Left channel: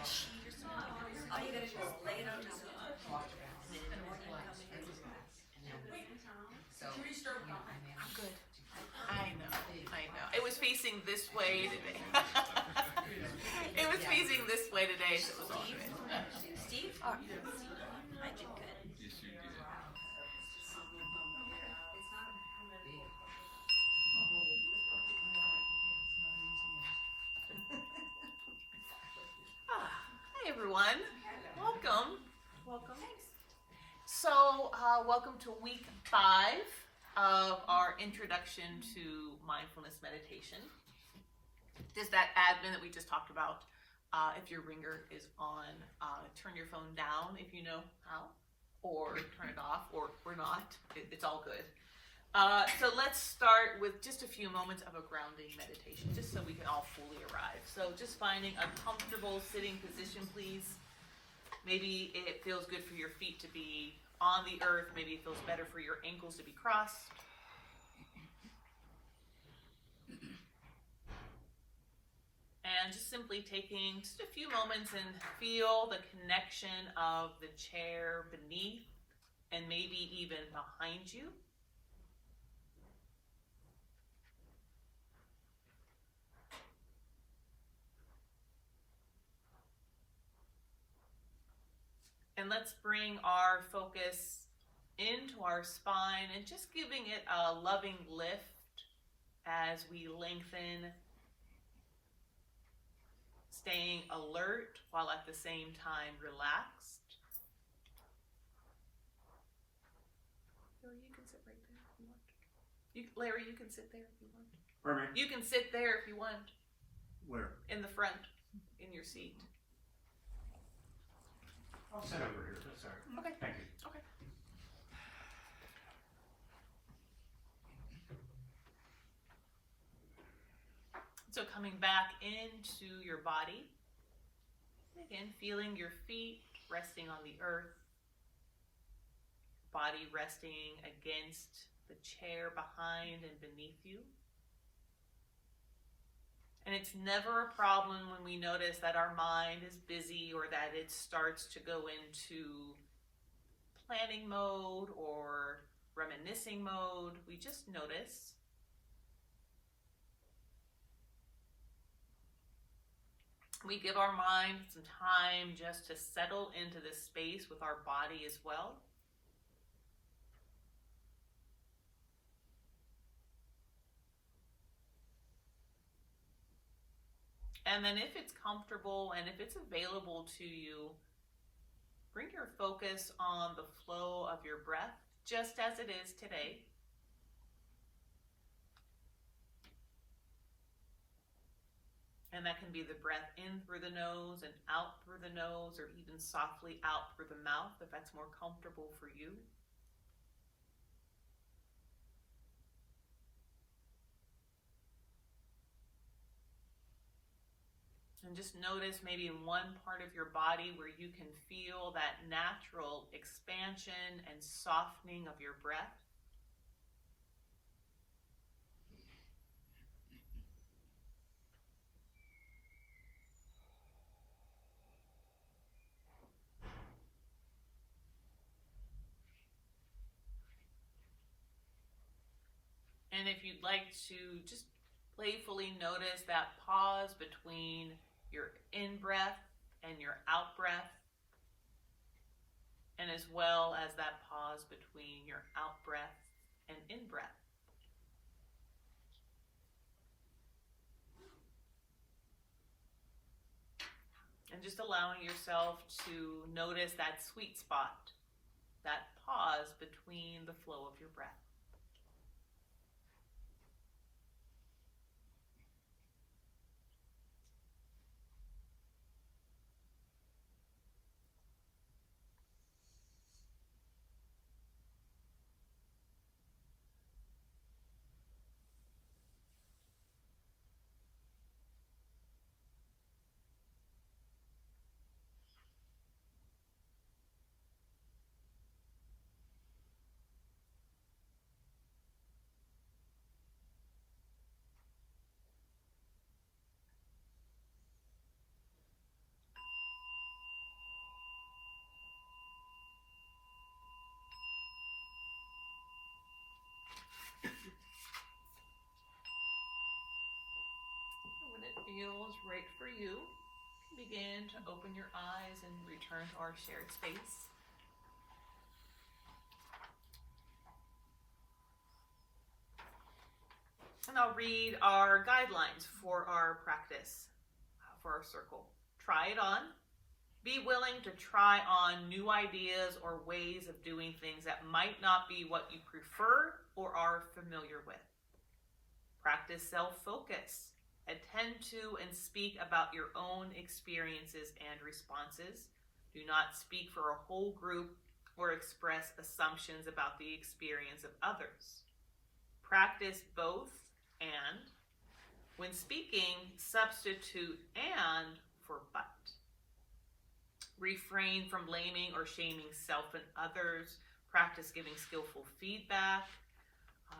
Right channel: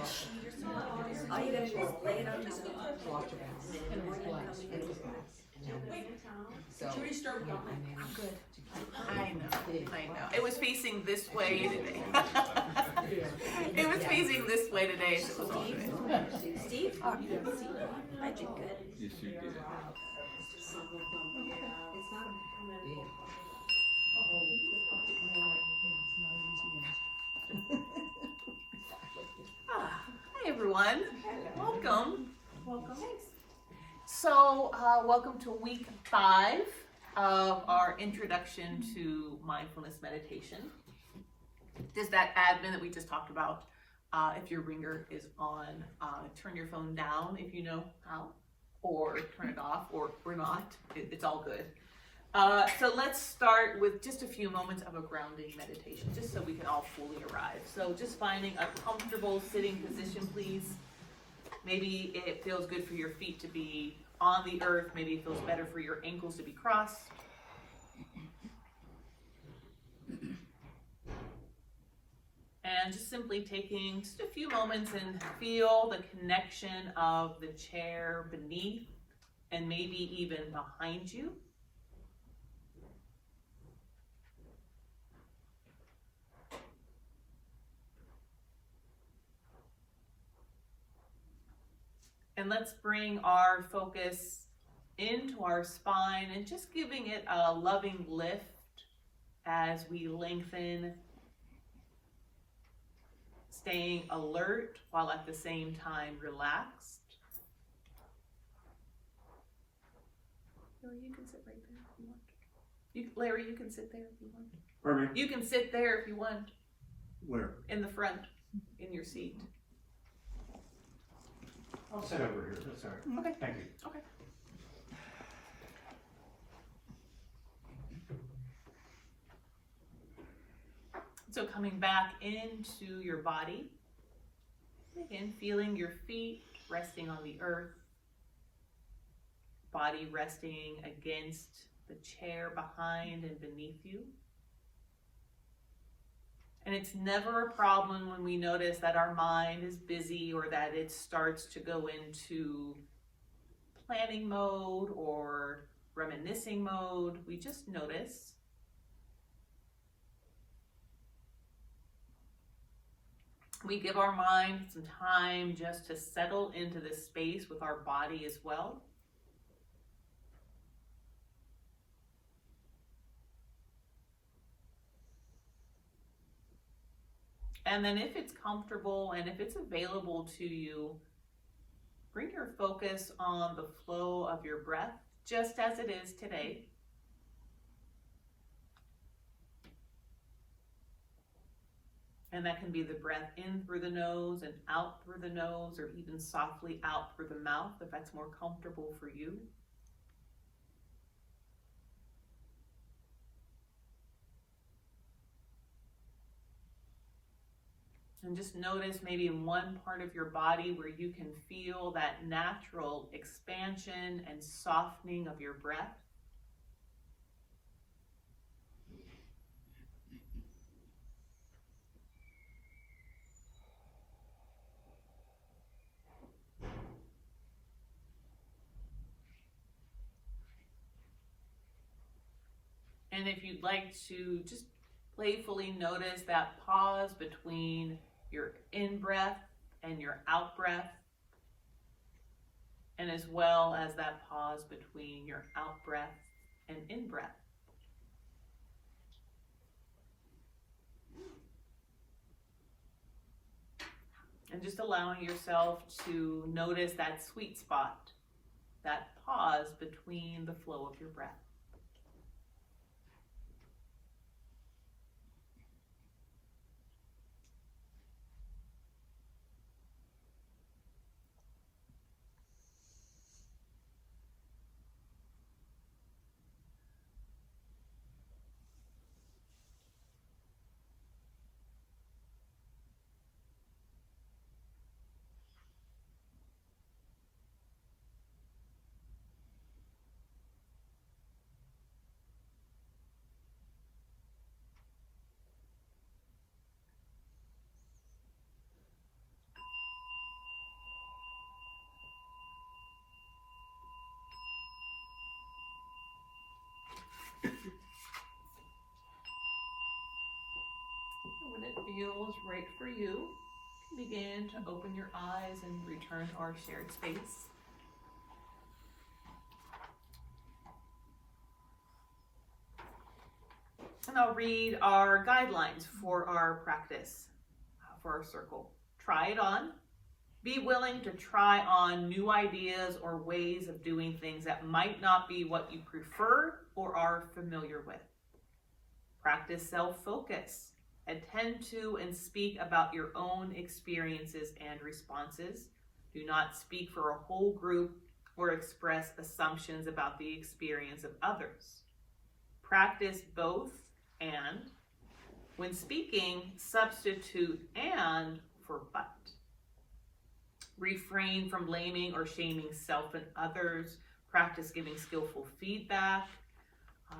All you gotta do is lay it on top of the Watch your balance. So, Should we start with I'm good. I know. It was facing this way today. It was facing this way today, so it was all good. Steve? Oh, I did good. Yes, you did. Hi everyone. Welcome. So, welcome to week 5 of our introduction to mindfulness meditation. Just that admin that we just talked about. If your ringer is on, turn your phone down if you know how, or turn it off, or not. It's all good. So let's start with just a few moments of a grounding meditation, just so we can all fully arrive. So just finding a comfortable sitting position, please. Maybe it feels good for your feet to be on the earth. Maybe it feels better for your ankles to be crossed. And just simply taking just a few moments and feel the connection of the chair beneath and maybe even behind you. And let's bring our focus into our spine and just giving it a loving lift as we lengthen, staying alert while at the same time relaxed. Larry, you can sit right there if you want. Larry, you can sit there if you want. Pardon me? You can sit there if you want. Where? In the front, in your seat. I'll sit over here. That's all right. Okay. Thank you. Okay. So coming back into your body, again, feeling your feet resting on the earth, body resting against the chair behind and beneath you. And it's never a problem when we notice that our mind is busy or that it starts to go into planning mode or reminiscing mode. We just notice. We give our mind some time just to settle into this space with our body as well. And then if it's comfortable and if it's available to you, bring your focus on the flow of your breath, just as it is today. And that can be the breath in through the nose and out through the nose, or even softly out through the mouth, if that's more comfortable for you. And just notice maybe in one part of your body where you can feel that natural expansion and softening of your breath. And if you'd like to just playfully notice that pause between your in-breath and your out-breath, and as well as that pause between your out-breath and in-breath. And just allowing yourself to notice that sweet spot, that pause between the flow of your breath. feels right for you, begin to open your eyes and return to our shared space. And I'll read our guidelines for our practice, for our circle. Try it on. Be willing to try on new ideas or ways of doing things that might not be what you prefer or are familiar with. Practice self-focus. Attend to and speak about your own experiences and responses. Do not speak for a whole group or express assumptions about the experience of others. Practice both and. When speaking, substitute and for but. Refrain from blaming or shaming self and others. Practice giving skillful feedback.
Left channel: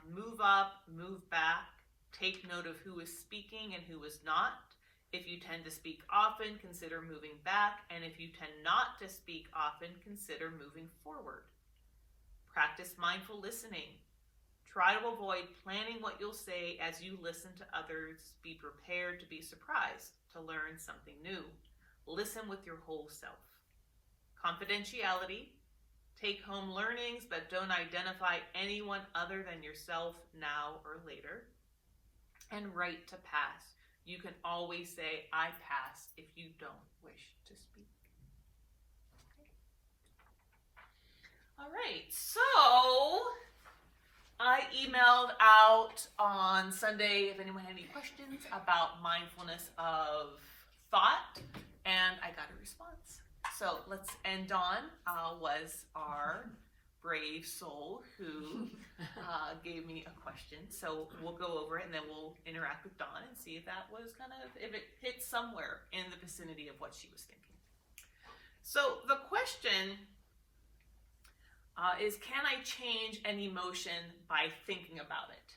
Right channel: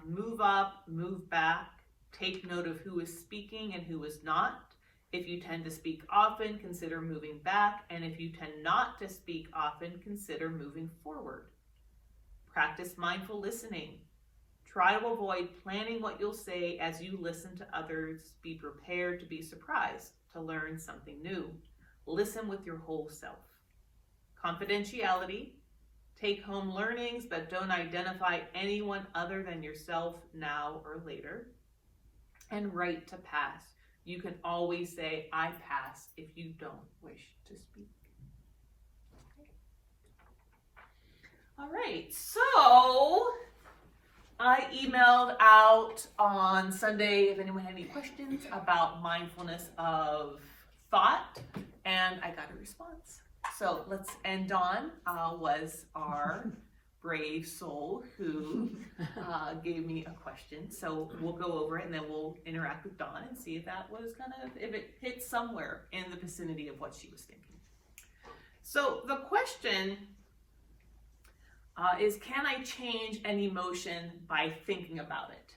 Move up, move back. Take note of who is speaking and who is not. If you tend to speak often, consider moving back. And if you tend not to speak often, consider moving forward. Practice mindful listening. Try to avoid planning what you'll say as you listen to others. Be prepared to be surprised, to learn something new. Listen with your whole self. Confidentiality. Take home learnings, but don't identify anyone other than yourself now or later. And right to pass. You can always say, I pass, if you don't wish to speak. Okay. All right, so I emailed out on Sunday if anyone had any questions about mindfulness of thought, and I got a response. So Dawn was our brave soul who gave me a question. So we'll go over it and then we'll interact with Dawn and see if that was if it hit somewhere in the vicinity of what she was thinking. So the question is, can I change an emotion by thinking about it?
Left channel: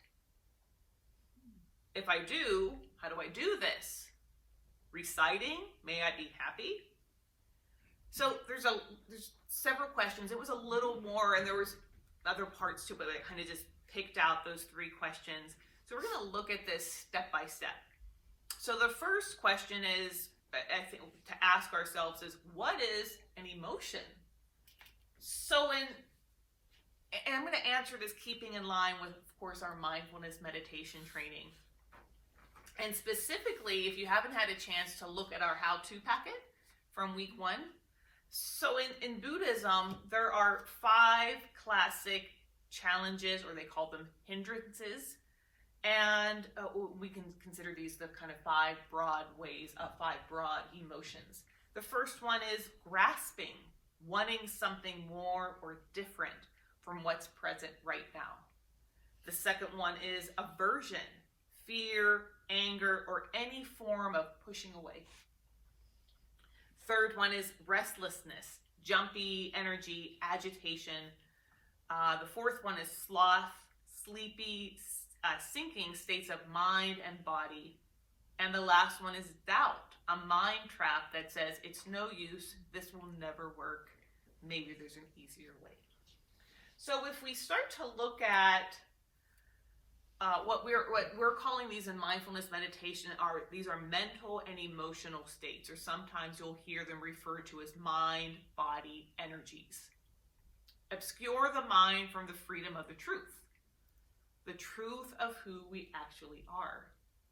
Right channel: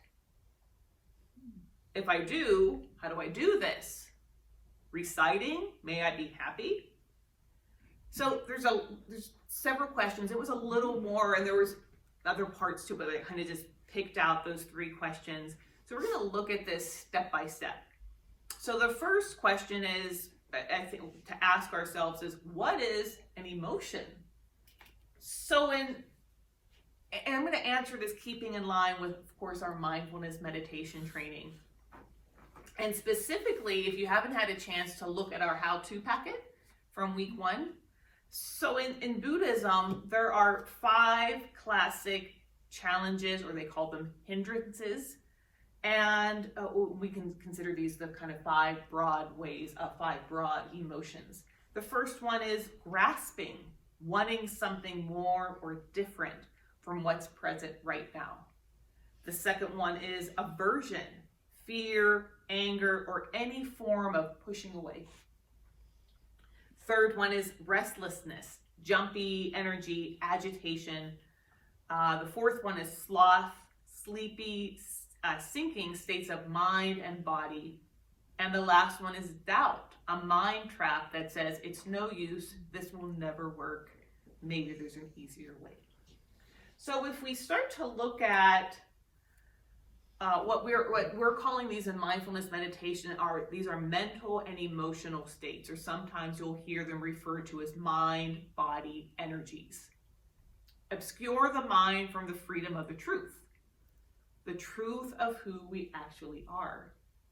If I do, how do I do this? Reciting, may I be happy? So there's several questions. It was a little more, and there was other parts to it, but I kind of just picked out those 3 questions. So we're going to look at this step by step. So the first question is, I think, to ask ourselves is, what is an emotion? So and I'm going to answer this keeping in line with, of course, our mindfulness meditation training. And specifically, if you haven't had a chance to look at our how-to packet from week 1, so in Buddhism, there are 5 classic challenges, or they call them hindrances, and we can consider these the kind of 5 broad ways, 5 broad emotions. The first one is grasping, wanting something more or different from what's present right now. The second one is aversion, fear, anger, or any form of pushing away. Third one is restlessness, jumpy energy, agitation. The fourth one is sloth, sleepy, sinking states of mind and body. And the last one is doubt, a mind trap that says it's no use, this will never work, maybe there's an easier way. So if we start to look at what we're calling these in mindfulness meditation, these are mental and emotional states, or sometimes you'll hear them referred to as mind, body, energies. Obscure the mind from the freedom of the truth of who we actually are.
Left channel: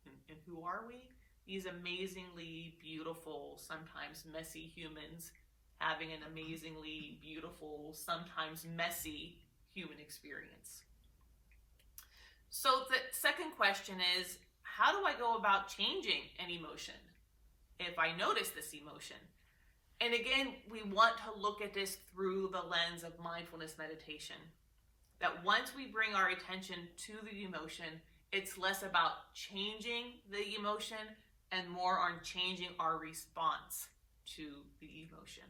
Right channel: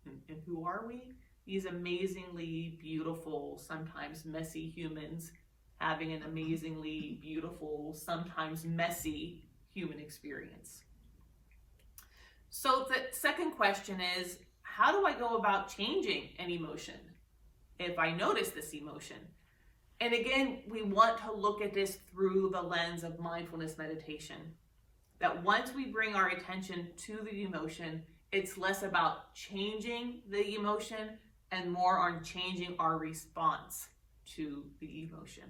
And who are we? These amazingly beautiful, sometimes messy humans having an amazingly beautiful, sometimes messy human experience. So the second question is, how do I go about changing an emotion if I notice this emotion? And again, we want to look at this through the lens of mindfulness meditation. That once we bring our attention to the emotion, it's less about changing the emotion and more on changing our response to the emotion.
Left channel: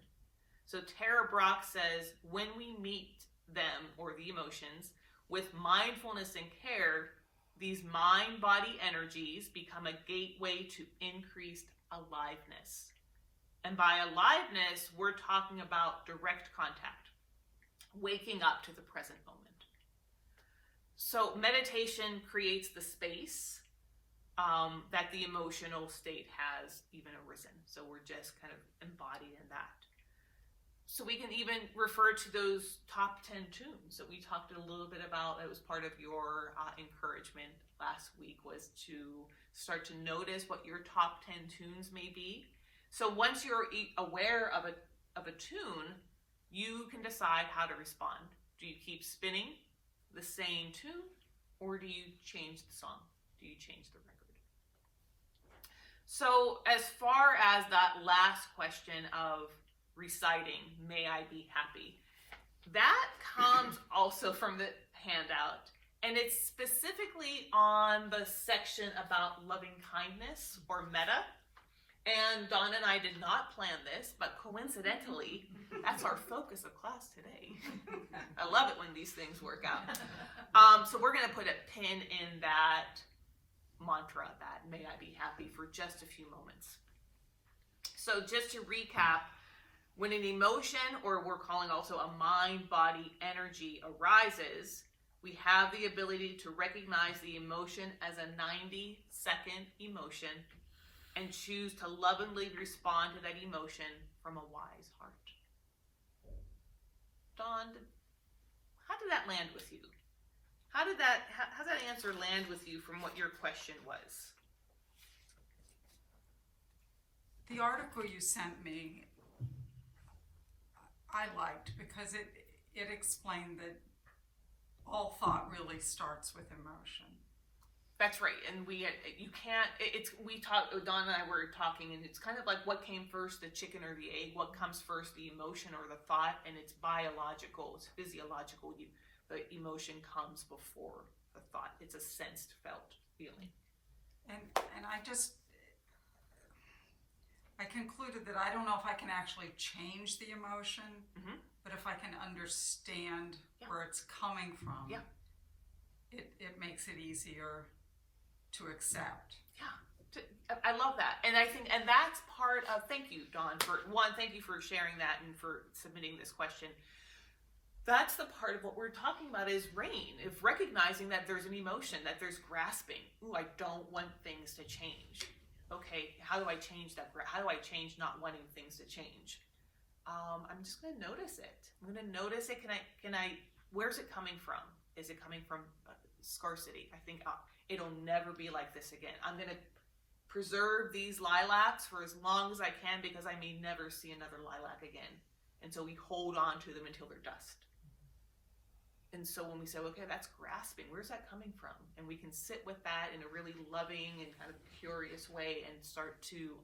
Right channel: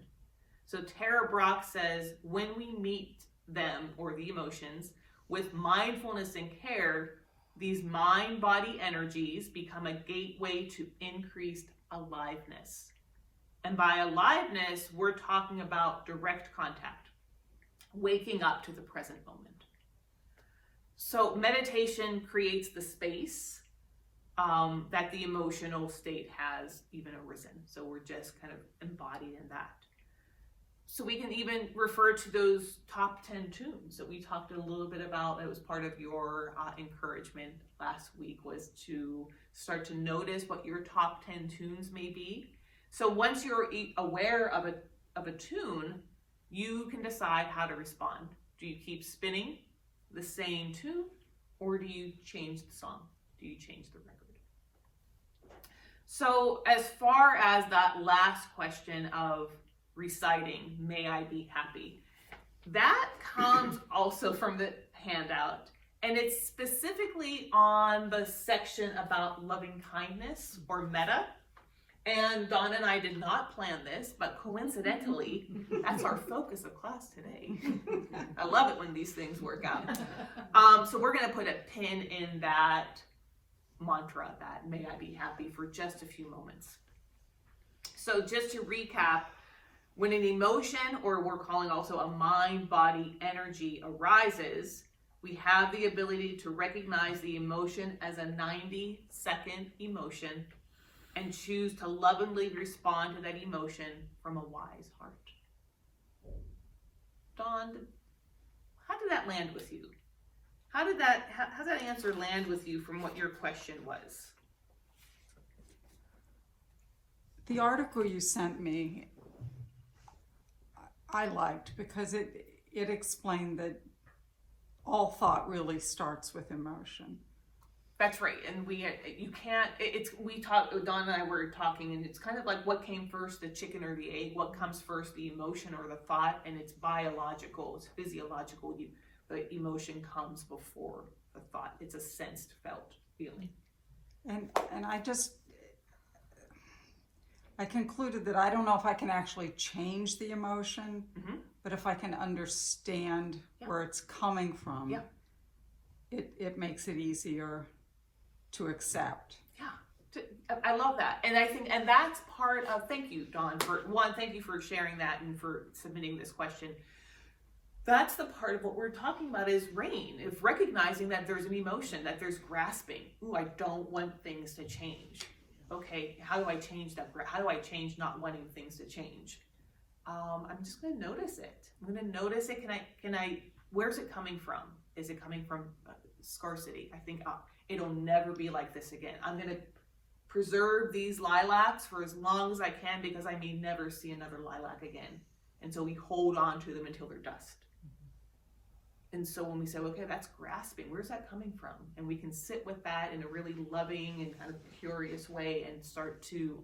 So Tara Brach says, when we meet them, or the emotions, with mindfulness and care, these mind-body energies become a gateway to increased aliveness. And by aliveness, we're talking about direct contact, waking up to the present moment. So meditation creates the space that the emotional state has even arisen. So we're just kind of embodied in that. So we can even refer to those top 10 tunes that we talked a little bit about. That was part of your encouragement last week, was to start to notice what your top 10 tunes may be. So once you're aware of a tune, you can decide how to respond. Do you keep spinning the same tune, or do you change the song? Do you change the record? So as far as that last question of reciting, may I be happy, that comes also from the handout, and it's specifically on the section about loving kindness or metta. And Dawn and I did not plan this, but coincidentally, that's our focus of class today. I love it when these things work out. So we're going to put a pin in that mantra, that may I be happy, for just a few moments. So just to recap, when an emotion, or we're calling also a mind-body energy, arises, we have the ability to recognize the emotion as a 90-second emotion and choose to lovingly respond to that emotion from a wise heart. Dawn, how did that land with you? How's that answer land with you from what your question was? The article you sent me, I liked, because it explained that all thought really starts with emotion. That's right, and Dawn and I were talking, and it's kind of like, what came first, the chicken or the egg? What comes first, the emotion or the thought? And it's biological, it's physiological. The emotion comes before the thought. It's a sensed, felt feeling. And I concluded that I don't know if I can actually change the emotion, but if I can understand where it's coming from, it makes it easier to accept. Yeah, I love that. And I think, and that's part of, thank you, Dawn, thank you for sharing that and for submitting this question. That's the part of what we're talking about, is rain, if recognizing that there's an emotion, that there's grasping. Ooh, I don't want things to change. Okay, how do I change that? How do I change not wanting things to change? I'm just going to notice it. I'm going to notice it. Can I, where's it coming from? Is it coming from scarcity? I think it'll never be like this again. I'm going to preserve these lilacs for as long as I can, because I may never see another lilac again. And so we hold on to them until they're dust. And so when we say, okay, that's grasping, where's that coming from? And we can sit with that in a really loving and kind of curious way and start to,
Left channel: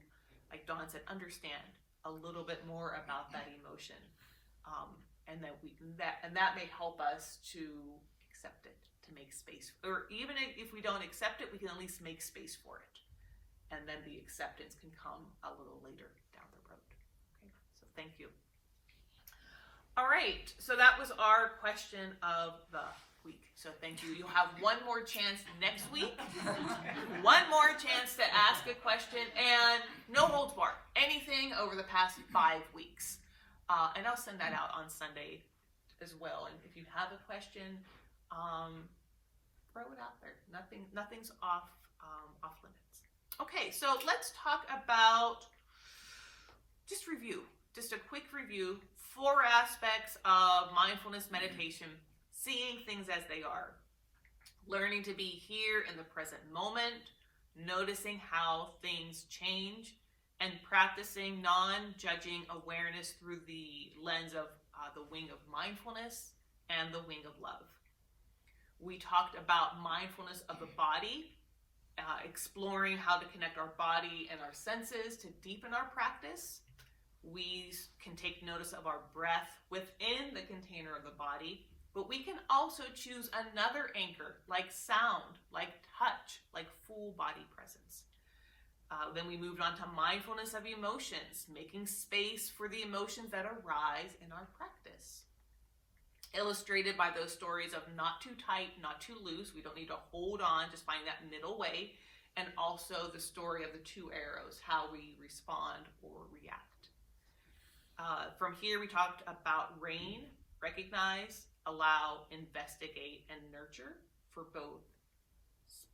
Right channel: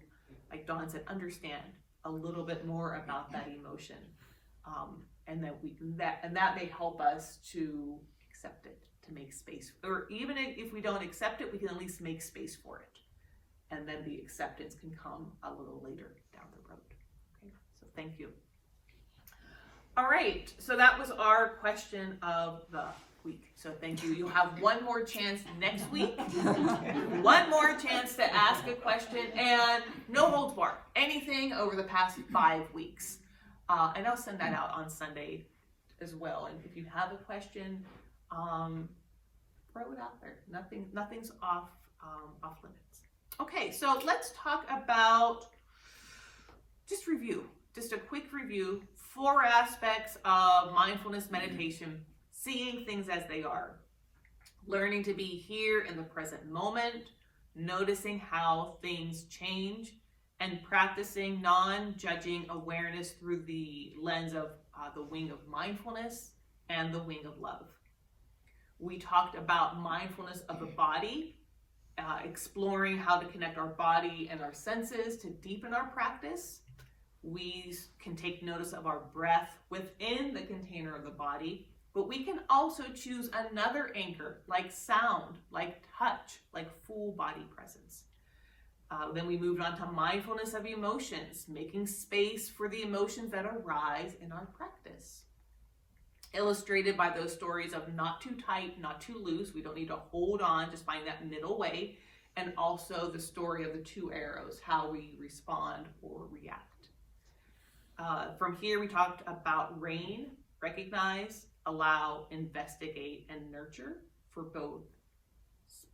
like Dawn said, understand a little bit more about that emotion. And that may help us to accept it, to make space. Or even if we don't accept it, we can at least make space for it. And then the acceptance can come a little later down the road. Okay, so thank you. All right, so that was our question of the week. So thank you. You'll have one more chance next week. One more chance to ask a question, and no holds barred. Anything over the past 5 weeks. And I'll send that out on Sunday as well. And if you have a question, throw it out there. Nothing's off limits. Okay, so let's talk about just a quick review. 4 aspects of mindfulness meditation: seeing things as they are, learning to be here in the present moment, noticing how things change, and practicing non-judging awareness through the lens of the wing of mindfulness and the wing of love. We talked about mindfulness of the body, exploring how to connect our body and our senses to deepen our practice. We can take notice of our breath within the container of the body, but we can also choose another anchor, like sound, like touch, like full body presence. Then we moved on to mindfulness of emotions, making space for the emotions that arise in our practice. Illustrated by those stories of not too tight, not too loose. We don't need to hold on, just find that middle way. And also the story of the 2 arrows, how we respond or react. From here, we talked about rain, recognize, allow, investigate, and nurture for both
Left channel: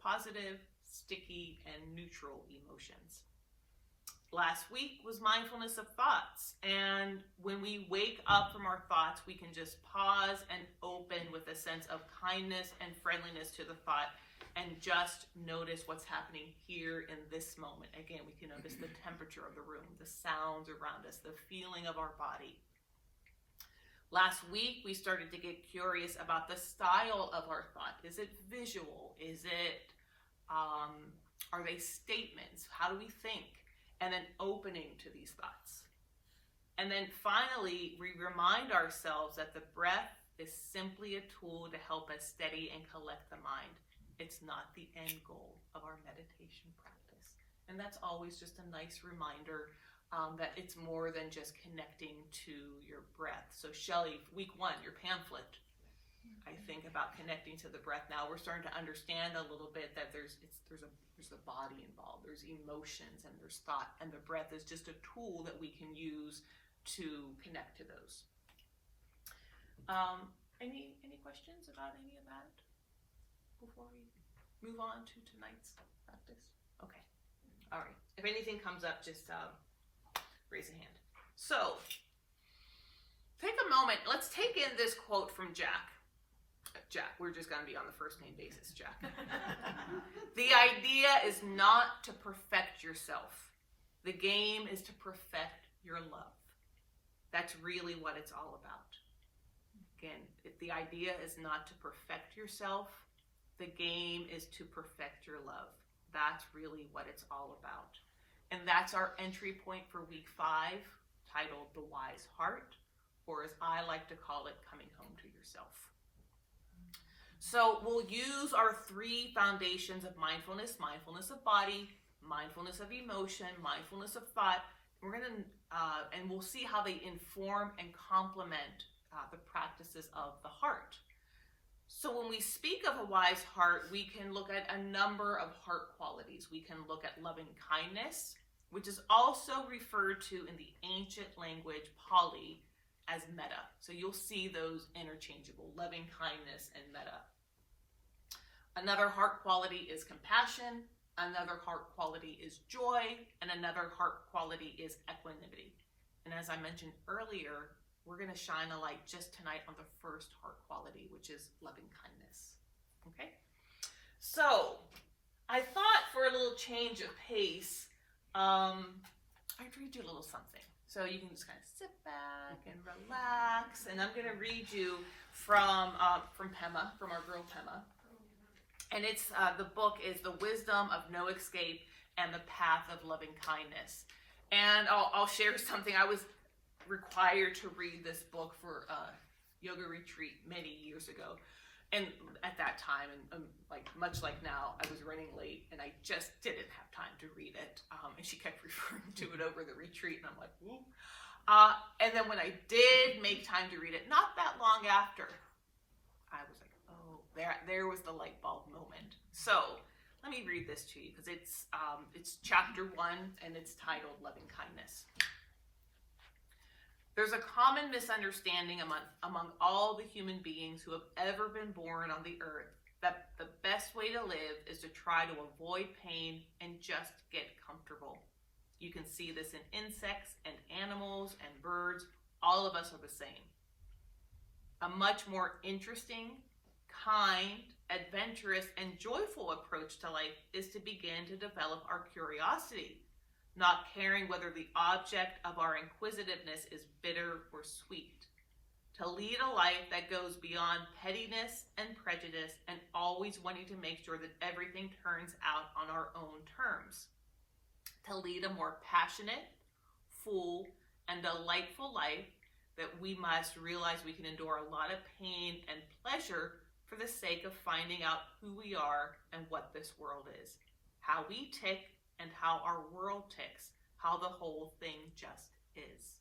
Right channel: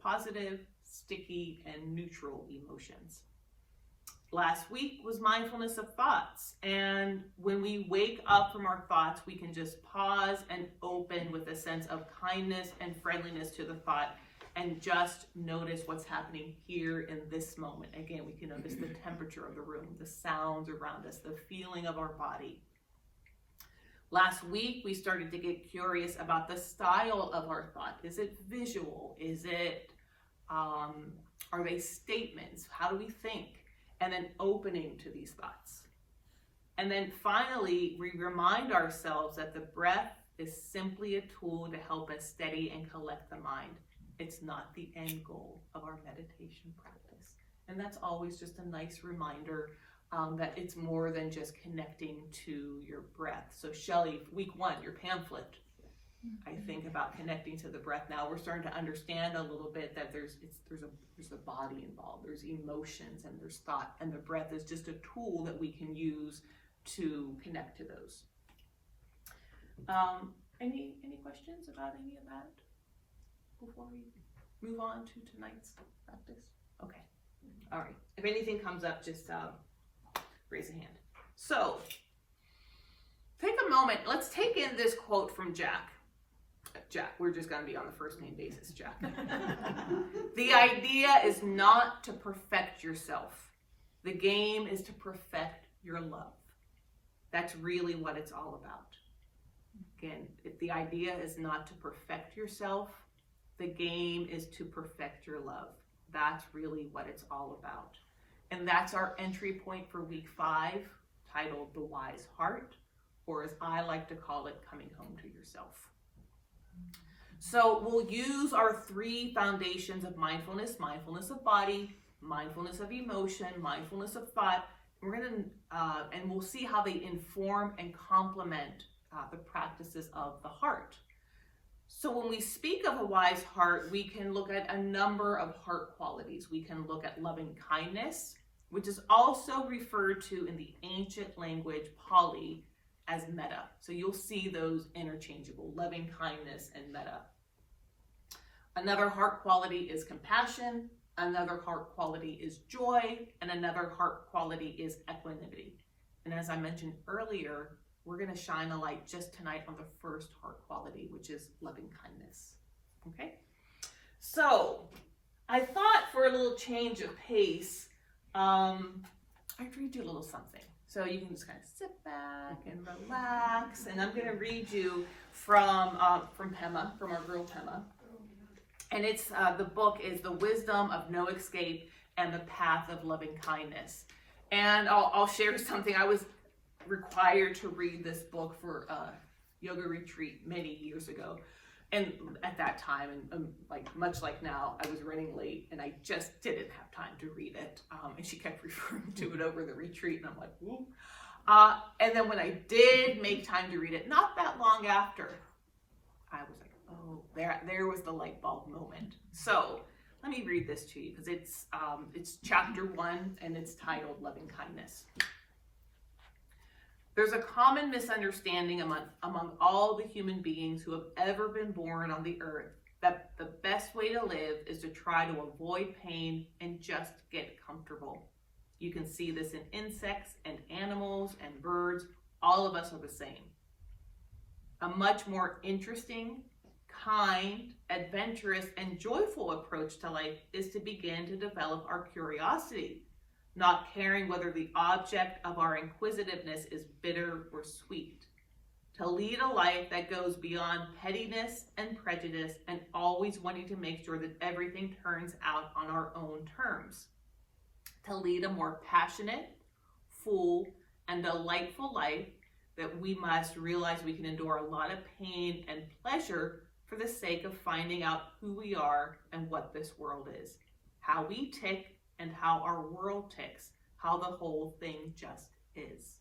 positive, sticky, and neutral emotions. Last week was mindfulness of thoughts. And when we wake up from our thoughts, we can just pause and open with a sense of kindness and friendliness to the thought and just notice what's happening here in this moment. Again, we can notice the temperature of the room, the sounds around us, the feeling of our body. Last week, we started to get curious about the style of our thought. Is it visual? Is it, are they statements? How do we think? And then opening to these thoughts. And then finally, we remind ourselves that the breath is simply a tool to help us steady and collect the mind. It's not the end goal of our meditation practice. And that's always just a nice reminder that it's more than just connecting to your breath. So Shelley, week 1, your pamphlet, I think about connecting to the breath. Now we're starting to understand a little bit that there's a body involved, there's emotions, and there's thought, and the breath is just a tool that we can use to connect to those. Any questions about any of that before we move on to tonight's practice? Okay. All right. If anything comes up, just raise a hand. So, take a moment. Let's take in this quote from Jack. Jack, we're just going to be on the first name basis, Jack. The idea is not to perfect yourself. The game is to perfect your love. That's really what it's all about. Again, the idea is not to perfect yourself. The game is to perfect your love. That's really what it's all about. And that's our entry point for week 5, titled The Wise Heart, or as I like to call it, Coming Home to Yourself. So we'll use our 3 foundations of mindfulness: mindfulness of body, mindfulness of emotion, mindfulness of thought. We're going to, and we'll see how they inform and complement the practices of the heart. So when we speak of a wise heart, we can look at a number of heart qualities. We can look at loving kindness, which is also referred to in the ancient language Pali as metta. So you'll see those interchangeable, loving kindness and metta. Another heart quality is compassion. Another heart quality is joy. And another heart quality is equanimity. And as I mentioned earlier, we're going to shine a light just tonight on the first heart quality, which is loving kindness. Okay? So, I thought for a little change of pace, I'd read you a little something. So you can just kind of sit back and relax. And I'm going to read you from Pema, from our girl Pema. And it's the book is The Wisdom of No Escape and the Path of Loving Kindness. And I'll share something. I was required to read this book for a yoga retreat many years ago, and at that time, and much like now, I was running late and I just didn't have time to read it, and she kept referring to it over the retreat, and I'm like, whoop. And then when I did make time to read it, not that long after, I was like, oh, there was the light bulb moment. So let me read this to you, because it's chapter 1 and it's titled Loving Kindness. There's a common misunderstanding among all the human beings who have ever been born on the earth that the best way to live is to try to avoid pain and just get comfortable. You can see this in insects and animals and birds. All of us are the same. A much more interesting, kind, adventurous, and joyful approach to life is to begin to develop our curiosity, not caring whether the object of our inquisitiveness is bitter or sweet. To lead a life that goes beyond pettiness and prejudice and always wanting to make sure that everything turns out on our own terms. To lead a more passionate, full, and delightful life that we must realize we can endure a lot of pain and pleasure for the sake of finding out who we are and what this world is, how we tick, and how our world ticks, how the whole thing just is.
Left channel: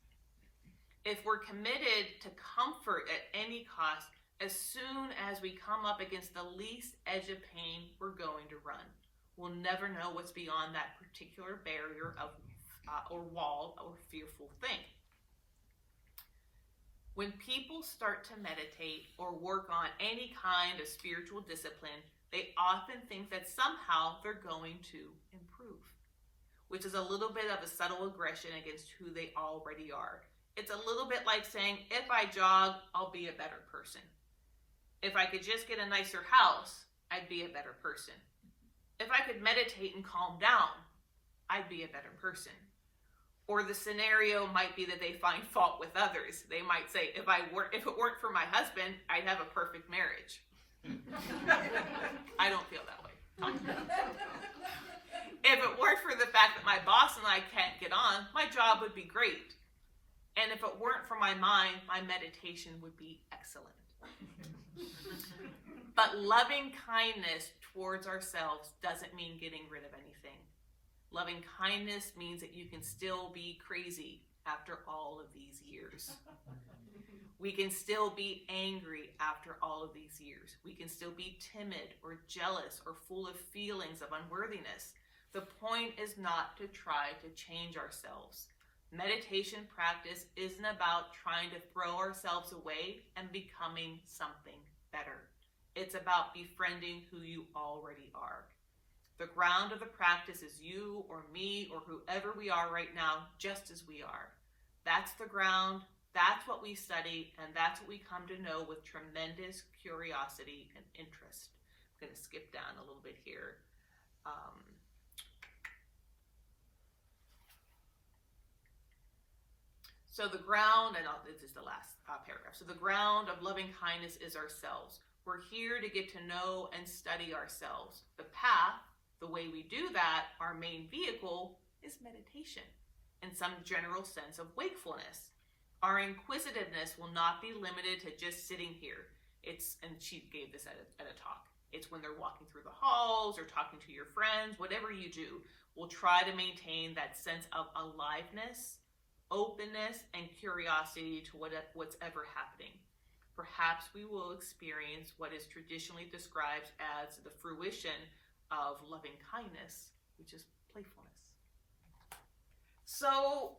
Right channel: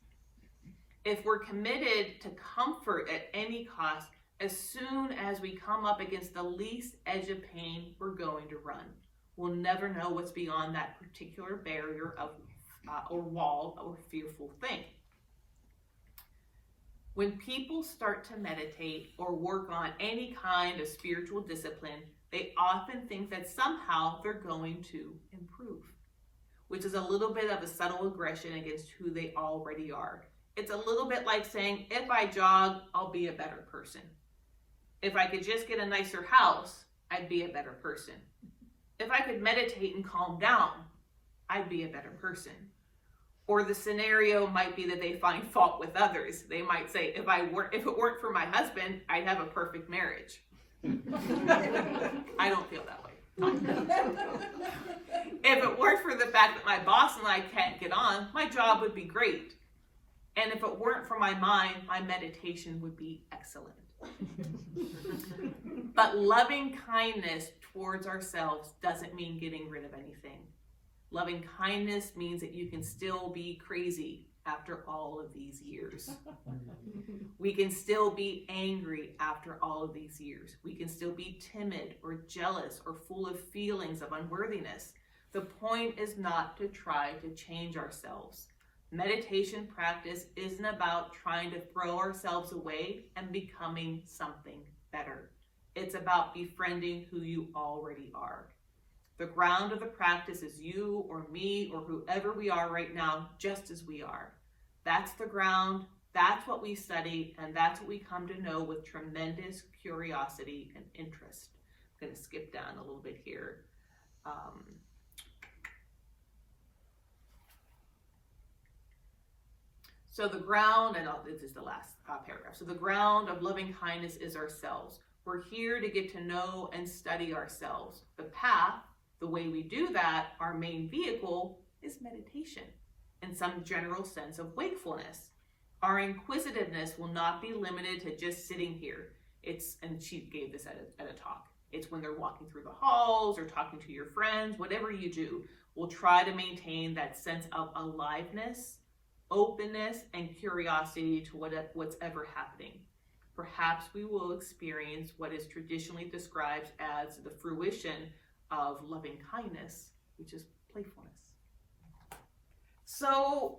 If we're committed to comfort at any cost, as soon as we come up against the least edge of pain, we're going to run. We'll never know what's beyond that particular barrier of or wall or fearful thing. When people start to meditate or work on any kind of spiritual discipline, They often think that somehow they're going to improve, which is a little bit of a subtle aggression against who they already are. It's a little bit like saying, if I jog, I'll be a better person. If I could just get a nicer house, I'd be a better person. If I could meditate and calm down, I'd be a better person. Or the scenario might be that they find fault with others. They might say, if it weren't for my husband, I'd have a perfect marriage. I don't feel that way. If it weren't for the fact that my boss and I can't get on, my job would be great. And if it weren't for my mind, my meditation would be excellent. But loving kindness towards ourselves doesn't mean getting rid of anything. Loving kindness means that you can still be crazy after all of these years. We can still be angry after all of these years. We can still be timid or jealous or full of feelings of unworthiness. The point is not to try to change ourselves. Meditation practice isn't about trying to throw ourselves away and becoming something better. It's about befriending who you already are. The ground of the practice is you or me or whoever we are right now, just as we are. That's the ground, that's what we study, and that's what we come to know with tremendous curiosity and interest. I'm going to skip down a little bit here. So the ground, and this is the last paragraph. So the ground of loving kindness is ourselves. We're here to get to know and study ourselves. The path, the way we do that, our main vehicle is meditation in some general sense of wakefulness. Our inquisitiveness will not be limited to just sitting here. And she gave this at a talk. It's when they're walking through the halls or talking to your friends, whatever you do, we'll try to maintain that sense of aliveness, openness, and curiosity to what's ever happening. Perhaps we will experience what is traditionally described as the fruition of loving kindness, which is playfulness. So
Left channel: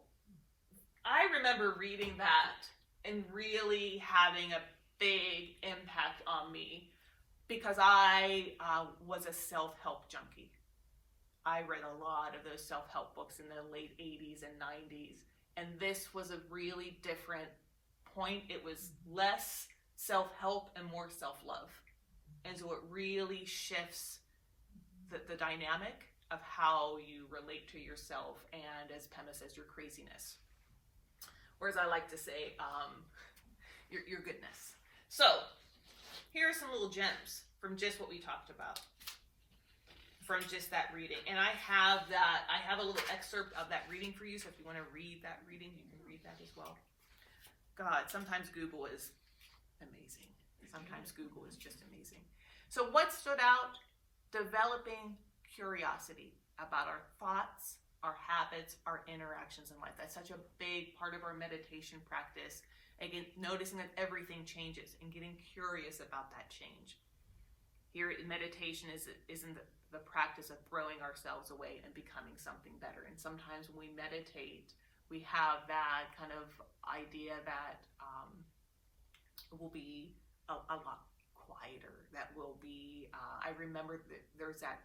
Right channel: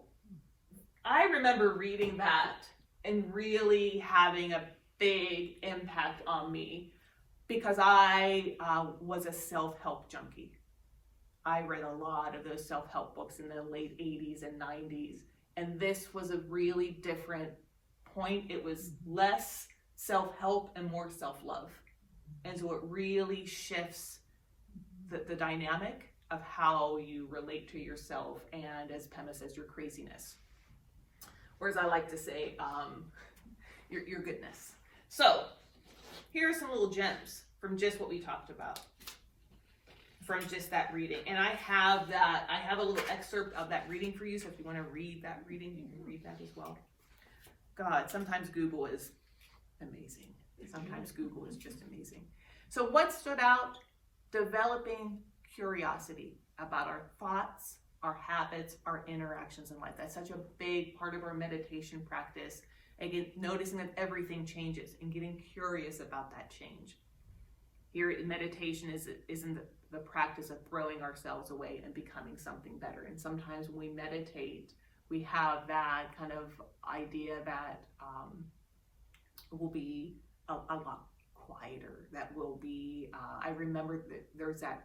I remember reading that and really having a big impact on me because I was a self-help junkie. I read a lot of those self-help books in the late 80s and 90s. And this was a really different point. It was less self-help and more self-love. And so it really shifts the dynamic of how you relate to yourself and, as Pema says, your craziness. Whereas I like to say, your goodness. So here are some little gems from just what we talked about, from just that reading. And I have a little excerpt of that reading for you. So if you want to read that reading, you can read that as well. God, sometimes Google is amazing. Sometimes Google is just amazing. So what stood out? Developing curiosity about our thoughts, our habits, our interactions in life. That's such a big part of our meditation practice. Again, noticing that everything changes and getting curious about that change. Here, meditation isn't the practice of throwing ourselves away and becoming something better. And sometimes when we meditate, we have that kind of idea that we'll be a lot quieter, that will be, I remember that there's that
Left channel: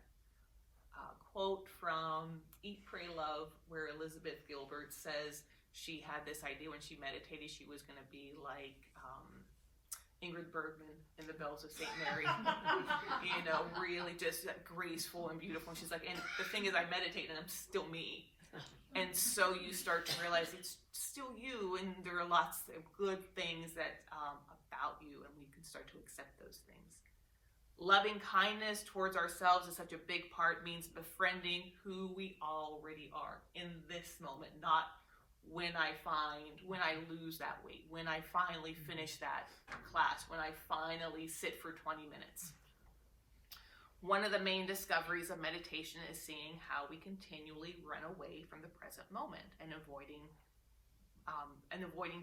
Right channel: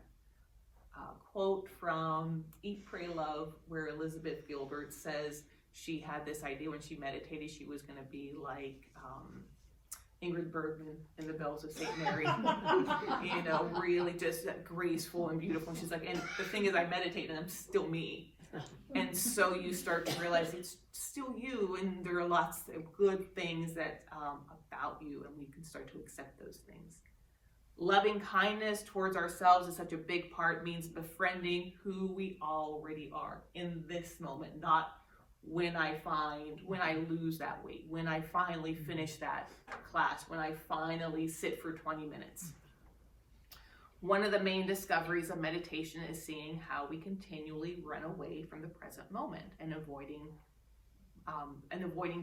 quote from Eat, Pray, Love, where Elizabeth Gilbert says she had this idea when she meditated she was going to be like Ingrid Bergman in The Bells of St. Mary, really just graceful and beautiful. And she's like, and the thing is, I meditate and I'm still me. And so you start to realize it's still you, and there are lots of good things that about you, and we can start to accept those things. Loving kindness towards ourselves is such a big part, means befriending who we already are in this moment, not when I lose that weight, when I finally finish that class, when I finally sit for 20 minutes. One of the main discoveries of meditation is seeing how we continually run away from the present moment and avoiding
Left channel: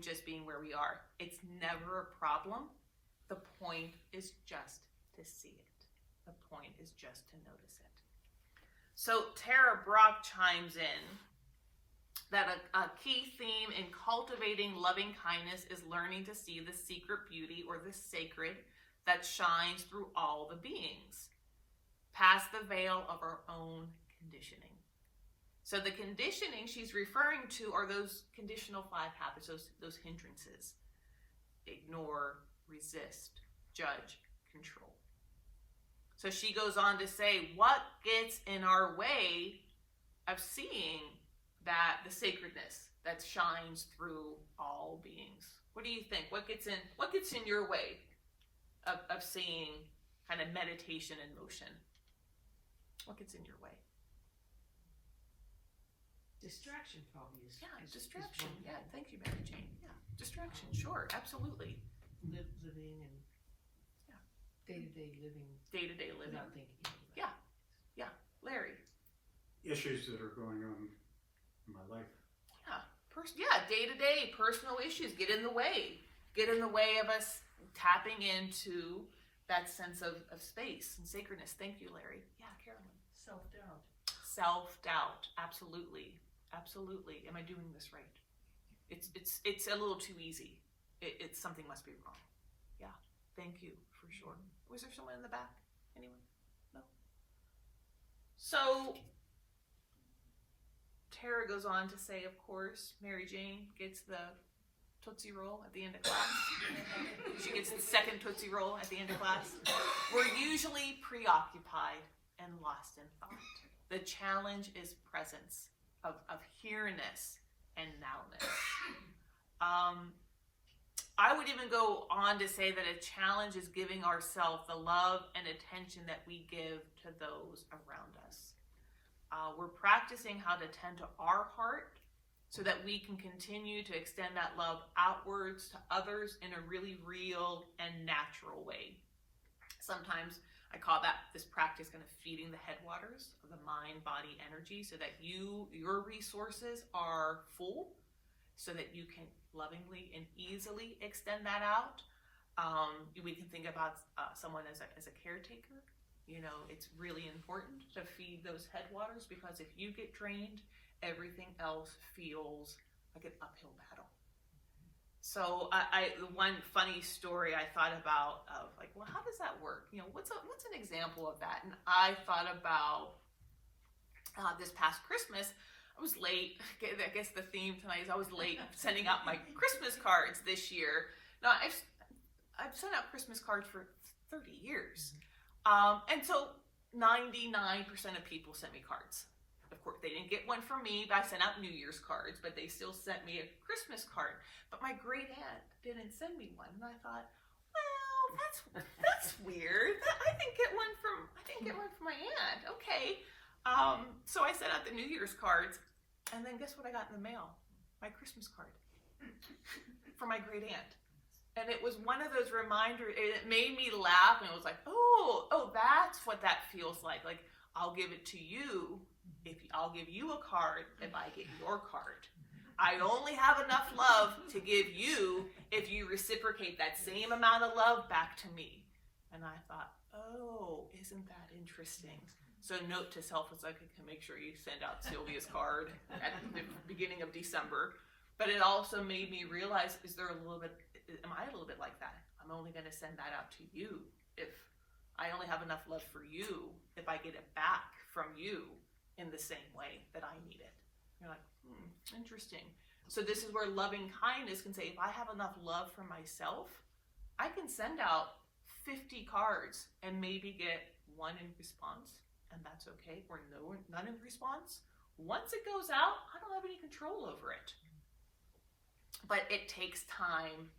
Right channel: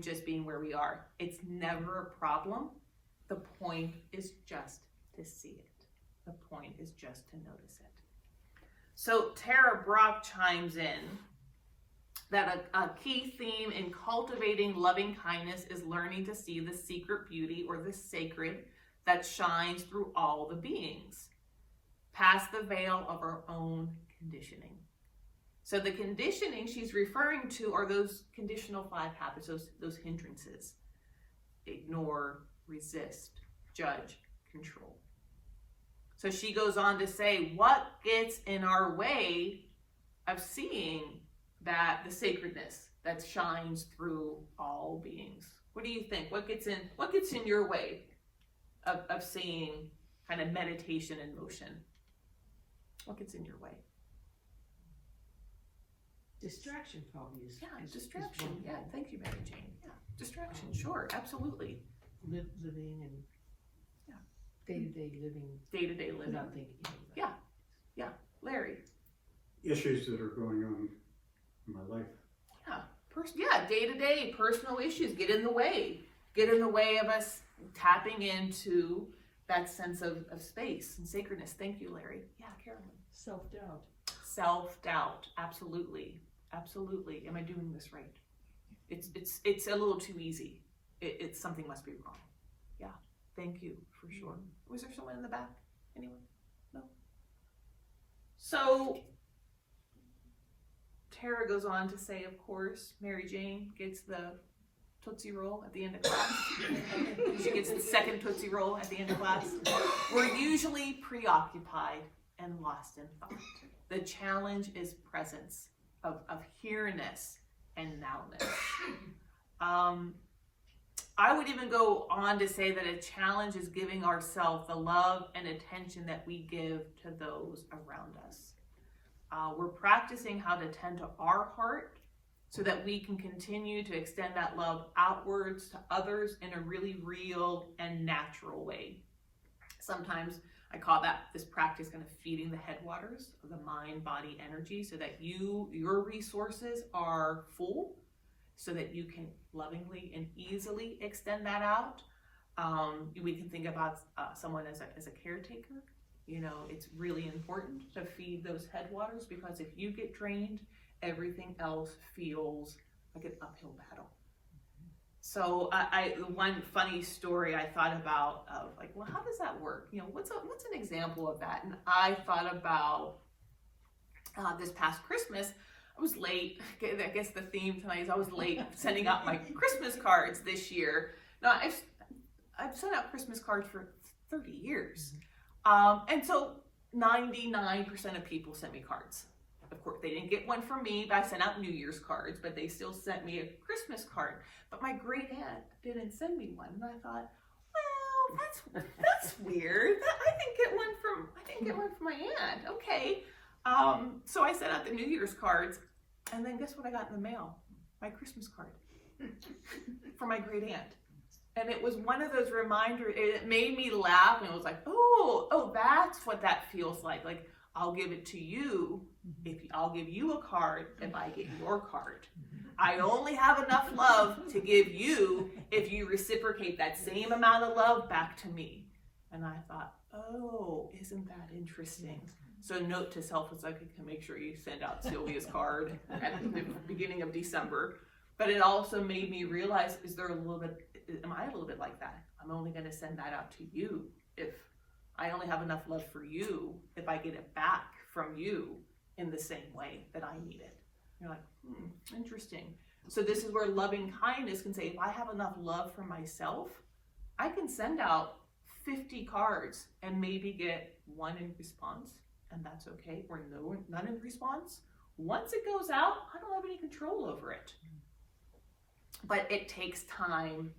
just being where we are. It's never a problem. The point is just to see it. The point is just to notice it. So Tara Brock chimes in that a key theme in cultivating loving kindness is learning to see the secret beauty or the sacred that shines through all the beings. past the veil of our own conditioning. So the conditioning she's referring to are those conditional 5 habits, those hindrances. Ignore, resist, judge, control. So she goes on to say, what gets in our way of seeing that the sacredness that shines through all beings? What do you think? What gets in your way of seeing kind of meditation in motion? What gets in your way? Distraction probably is. Yeah, distraction. Yeah, thank you, Mary Jane. Yeah, distraction. Sure, absolutely. Living and day-to-day living. Day-to-day living. Without thinking. Yeah. Larry. Issues that are going on in my life. Yeah, day-to-day personal issues get in the way of us tapping into that sense of space and sacredness. Thank you, Larry. Yeah, Carolyn. Self-doubt. Absolutely. Am I doing this right? It's a little too easy. It's something must be wrong. Yeah, thank you for sure. Was there someone in the back? Anyone? No. So Tara goes on to say, of course, Mary Jane gets the Tootsie Roll at the end of class. She gets the second Tootsie Roll at the end of class. We're usually preoccupied and lost in thought. The challenge is presence of here-ness and now-ness. I would even go on to say that a challenge is giving ourselves the love and attention that we give to those around us. We're practicing how to tend to our heart so that we can continue to extend that love outwards to others in a really real and natural way. Sometimes I call this practice kind of feeding the headwaters of the mind, body, energy, so that your resources are full, so that you can lovingly and easily extend that out. We can think about someone as a caretaker. It's really important to feed those headwaters, because if you get drained, everything else feels like an uphill battle. So one funny story I thought about of how does that work? What's an example of that? And I thought about this past Christmas. I was late. I guess the theme tonight is I was late sending out my Christmas cards this year. Now I've sent out Christmas cards for 30 years. And so 99% of people sent me cards. Of course, they didn't get one from me, but I sent out New Year's cards, but they still sent me a Christmas card. But my great aunt didn't send me one. And I thought, well, that's weird. I didn't get one from my aunt. Okay. So I sent out the New Year's cards, and then guess what I got in the mail? My Christmas card from my great aunt. And it was one of those reminders. It made me laugh, and it was like, oh, that's what that feels like. Like, I'll give it to you I'll give you a card if I get your card. I only have enough love to give you if you reciprocate that same amount of love back to me. And I thought, oh, isn't that interesting? So note to self is like, make sure you send out Sylvia's card at the beginning of December. But it also made me realize, am I a little bit like that? I'm only going to send that out to you if I only have enough love for you, if I get it back from you in the same way that I need it. You're like, interesting. So this is where loving kindness can say, if I have enough love for myself, I can send out 50 cards and maybe get one in response, and that's okay, or none in response. Once it goes out, I don't have any control over it. But it takes time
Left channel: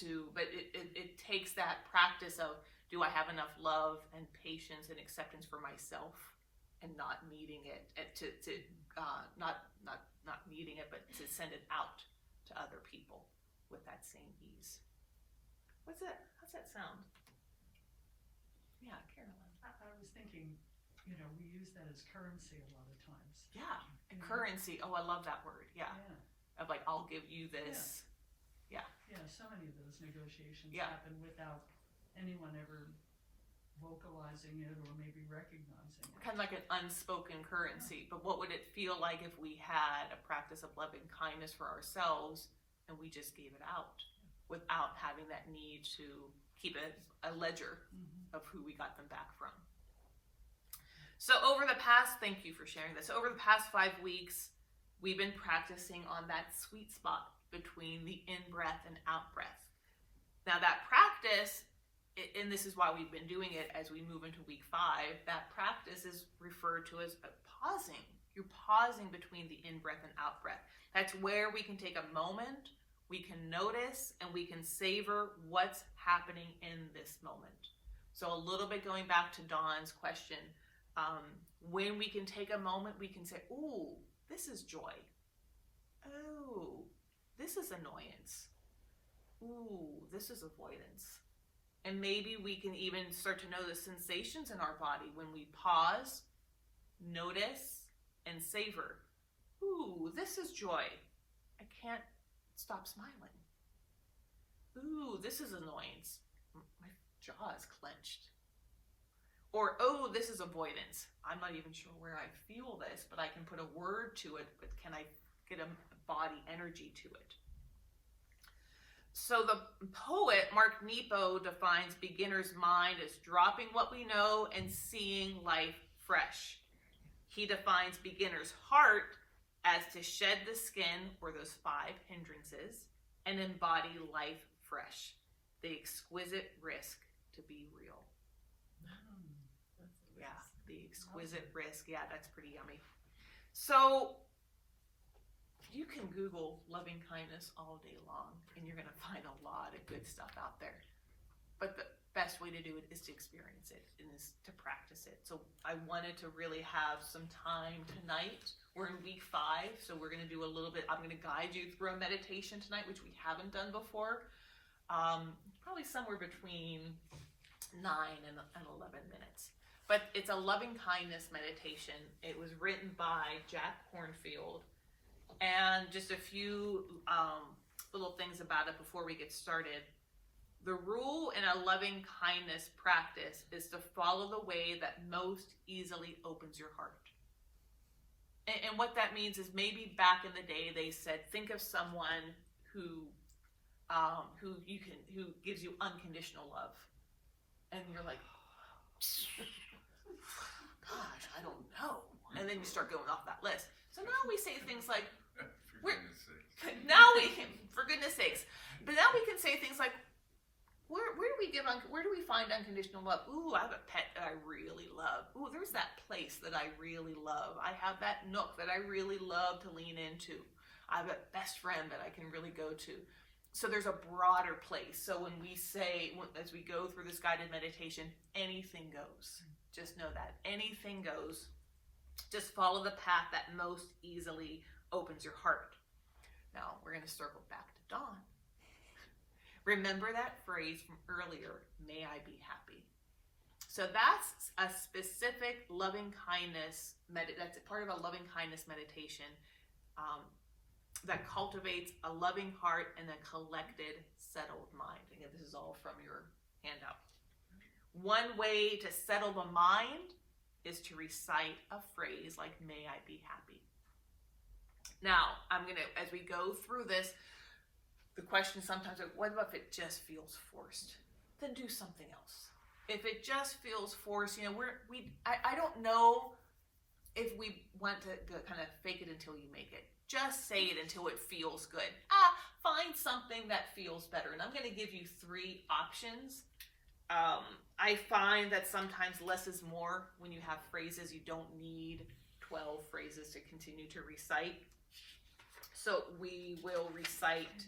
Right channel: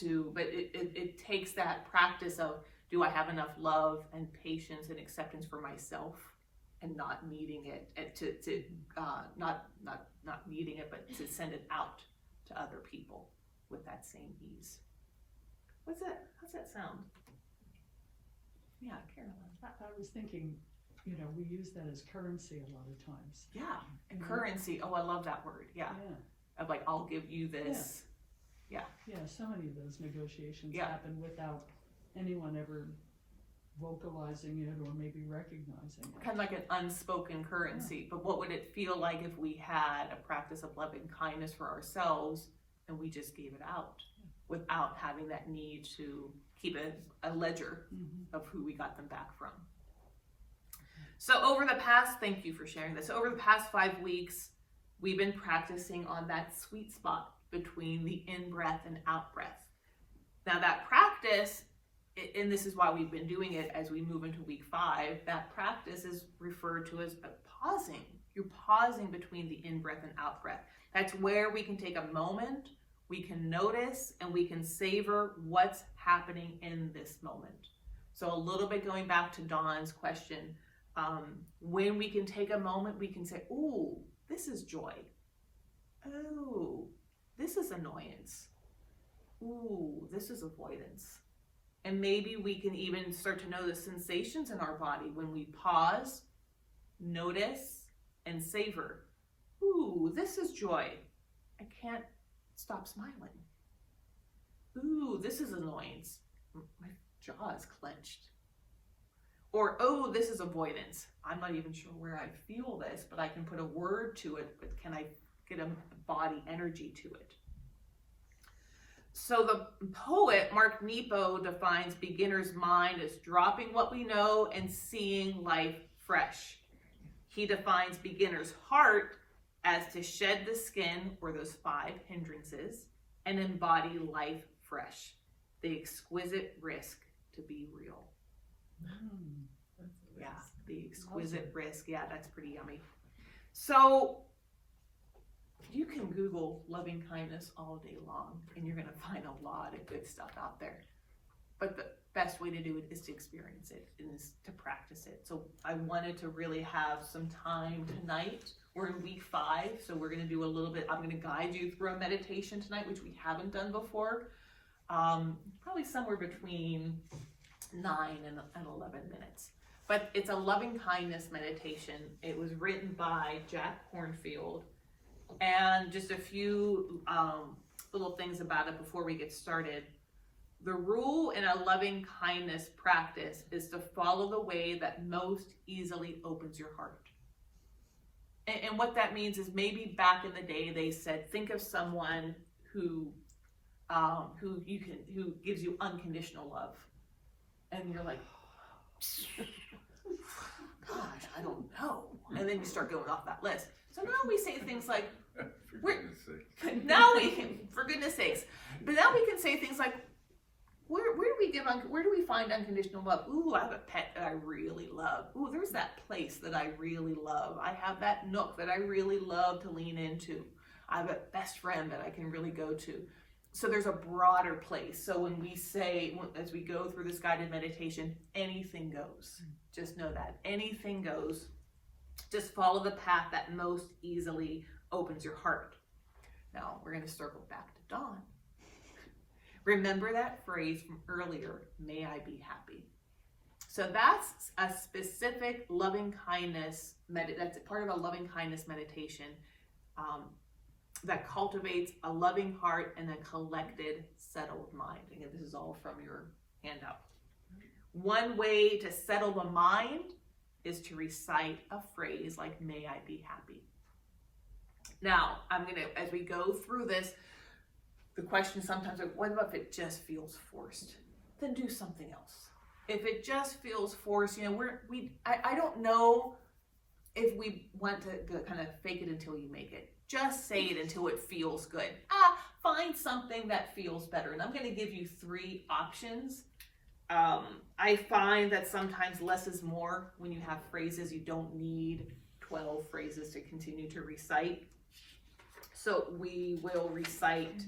it takes that practice of, do I have enough love and patience and acceptance for myself, and not needing it, not needing it, but to send it out to other people with that same ease. How's that sound? Yeah, Carolyn. I was thinking, we use that as currency a lot of times. Yeah, and currency. Oh, I love that word. Yeah. Of like, I'll give you this. Yeah. Yeah, so many of those negotiations happen without anyone ever vocalizing it or maybe recognizing it. Kind of like an unspoken currency. But what would it feel like if we had a practice of loving kindness for ourselves and we just gave it out without having that need to keep a ledger of who we got them back from? So thank you for sharing this. Over the past 5 weeks, we've been practicing on that sweet spot between the in-breath and out-breath. Now that practice, and this is why we've been doing it as we move into week 5, that practice is referred to as pausing. You're pausing between the in-breath and out-breath. That's where we can take a moment, we can notice, and we can savor what's happening in this moment. So a little bit going back to Dawn's question, when we can take a moment, we can say, ooh, this is joy. Oh, this is annoyance. Ooh, this is avoidance. And maybe we can even start to know the sensations in our body when we pause, notice, and savor. Ooh, this is joy. I can't stop smiling. Ooh, this is annoyance. My jaw is clenched. Or, oh, this is avoidance. I'm not even sure where I feel this, but I can put a word to it, but can I get a body energy to it? So the poet Mark Nepo defines beginner's mind as dropping what we know and seeing life fresh. He defines beginner's heart as to shed the skin, or those 5 hindrances, and embody life fresh, the exquisite risk to be real. Yeah, the exquisite risk. Yeah, that's pretty yummy. So you can Google loving kindness all day long, and you're going to find a lot of good stuff out there. But the best way to do it is to experience it and is to practice it. So I wanted to really have some time tonight. We're in week 5, so we're going to do a little bit. I'm going to guide you through a meditation tonight, which we haven't done before. Probably somewhere between 9 and 11 minutes. But it's a loving kindness meditation. It was written by Jack Kornfield. And just a few little things about it before we get started. The rule in a loving kindness practice is to follow the way that most easily opens your heart. And what that means is, maybe back in the day they said, think of someone who gives you unconditional love. And you're like, gosh, I don't know. And then you start going off that list. So now we say things like, for goodness sakes. But now we can say things like, where do we find unconditional love? Ooh, I have a pet that I really love. Ooh, there's that place that I really love. I have that nook that I really love to lean into. I have a best friend that I can really go to. So there's a broader place. So when we say, as we go through this guided meditation, anything goes. Just know that. Anything goes. Just follow the path that most easily opens your heart. Now, we're going to circle back to Dawn. Remember that phrase from earlier, may I be happy. So that's a specific loving kindness, that's part of a loving kindness meditation that cultivates a loving heart and a collected, settled mind. Again, this is all from your handout. One way to settle the mind is to recite a phrase like, may I be happy. Now, as we go through this, the question sometimes like, what about if it just feels forced? Then do something else. If it just feels forced, I don't know if we want to kind of fake it until you make it. Just say it until it feels good. Find something that feels better. And I'm going to give you 3 options. I find that sometimes less is more when you have phrases. You don't need 12 phrases to continue to recite. So we will recite,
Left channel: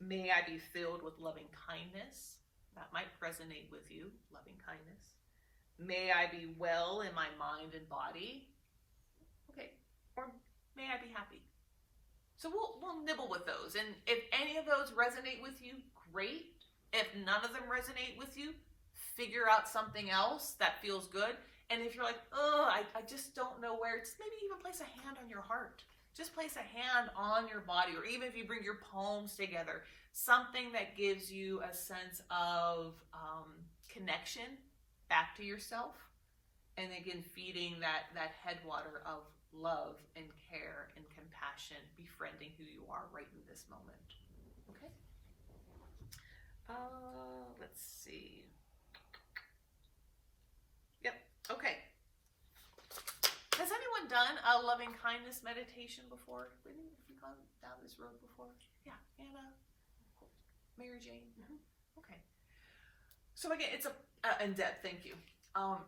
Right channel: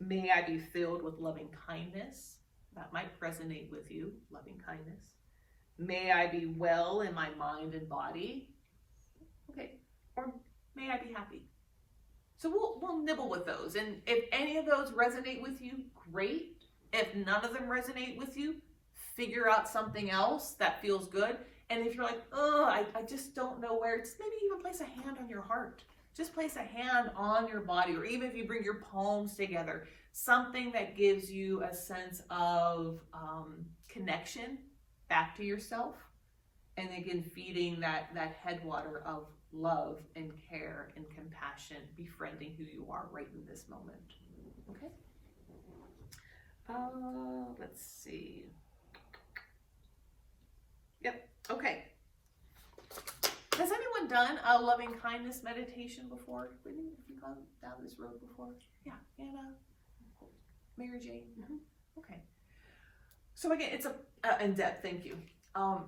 may I be filled with loving kindness. That might resonate with you, loving kindness. May I be well in my mind and body. Okay, or may I be happy. So we'll nibble with those. And if any of those resonate with you, great. If none of them resonate with you, figure out something else that feels good. And if you're like, I just don't know where, just maybe even place a hand on your heart. Just place a hand on your body, or even if you bring your palms together, something that gives you a sense of connection back to yourself. And again, feeding that headwater of love and care and compassion, befriending who you are right in this moment. Okay? Let's see. Okay. Has anyone done a loving kindness meditation before? Whitney, have you gone down this road before? Yeah, Anna, Mary Jane. Okay. So again, it's and Deb, thank you.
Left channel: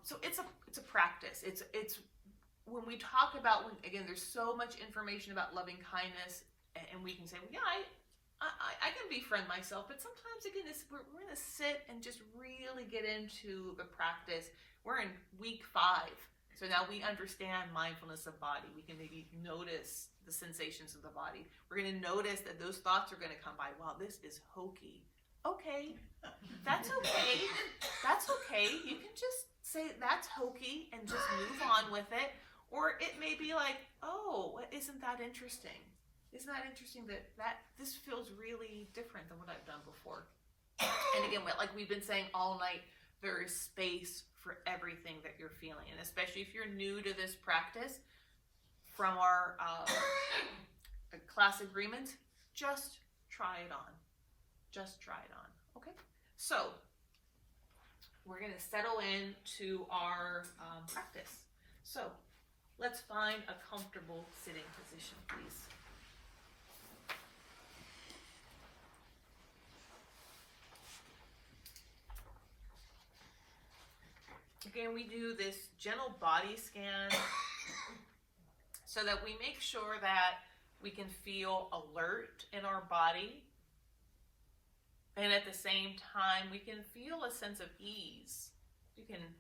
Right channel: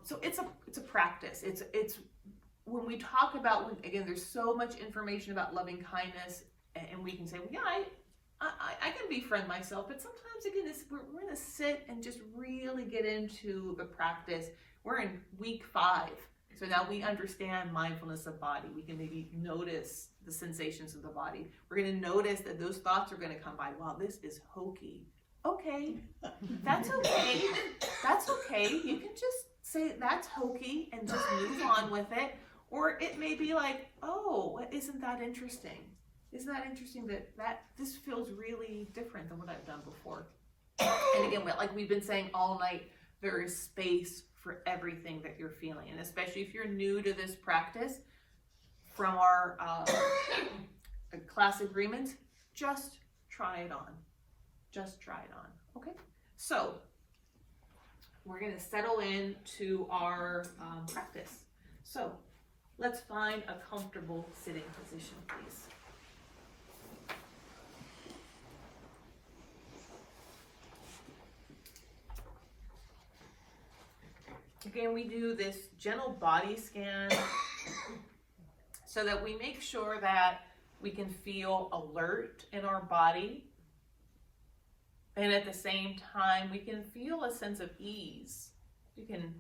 So it's a practice. It's when we talk about again, there's so much information about loving kindness, and we can say, well, yeah, I can befriend myself, but sometimes again, we're going to sit and just really get into the practice. We're in week 5. So now we understand mindfulness of body. We can maybe notice the sensations of the body. We're going to notice that those thoughts are going to come by. Wow, this is hokey. Okay, that's okay. That's okay. You can just say that's hokey and just move on with it. Or it may be like, oh, isn't that interesting? Isn't that interesting that this feels really different than what I've done before? And again, like we've been saying all night, there is space for everything that you're feeling. And especially if you're new to this practice, from our class agreement, just try it on. Just try it on, okay? So, we're gonna settle into our practice. So, let's find a comfortable sitting position, please. Again, we do this gentle body scan so that we make sure that we can feel alert in our body, and at the same time, we can feel a sense of ease. We can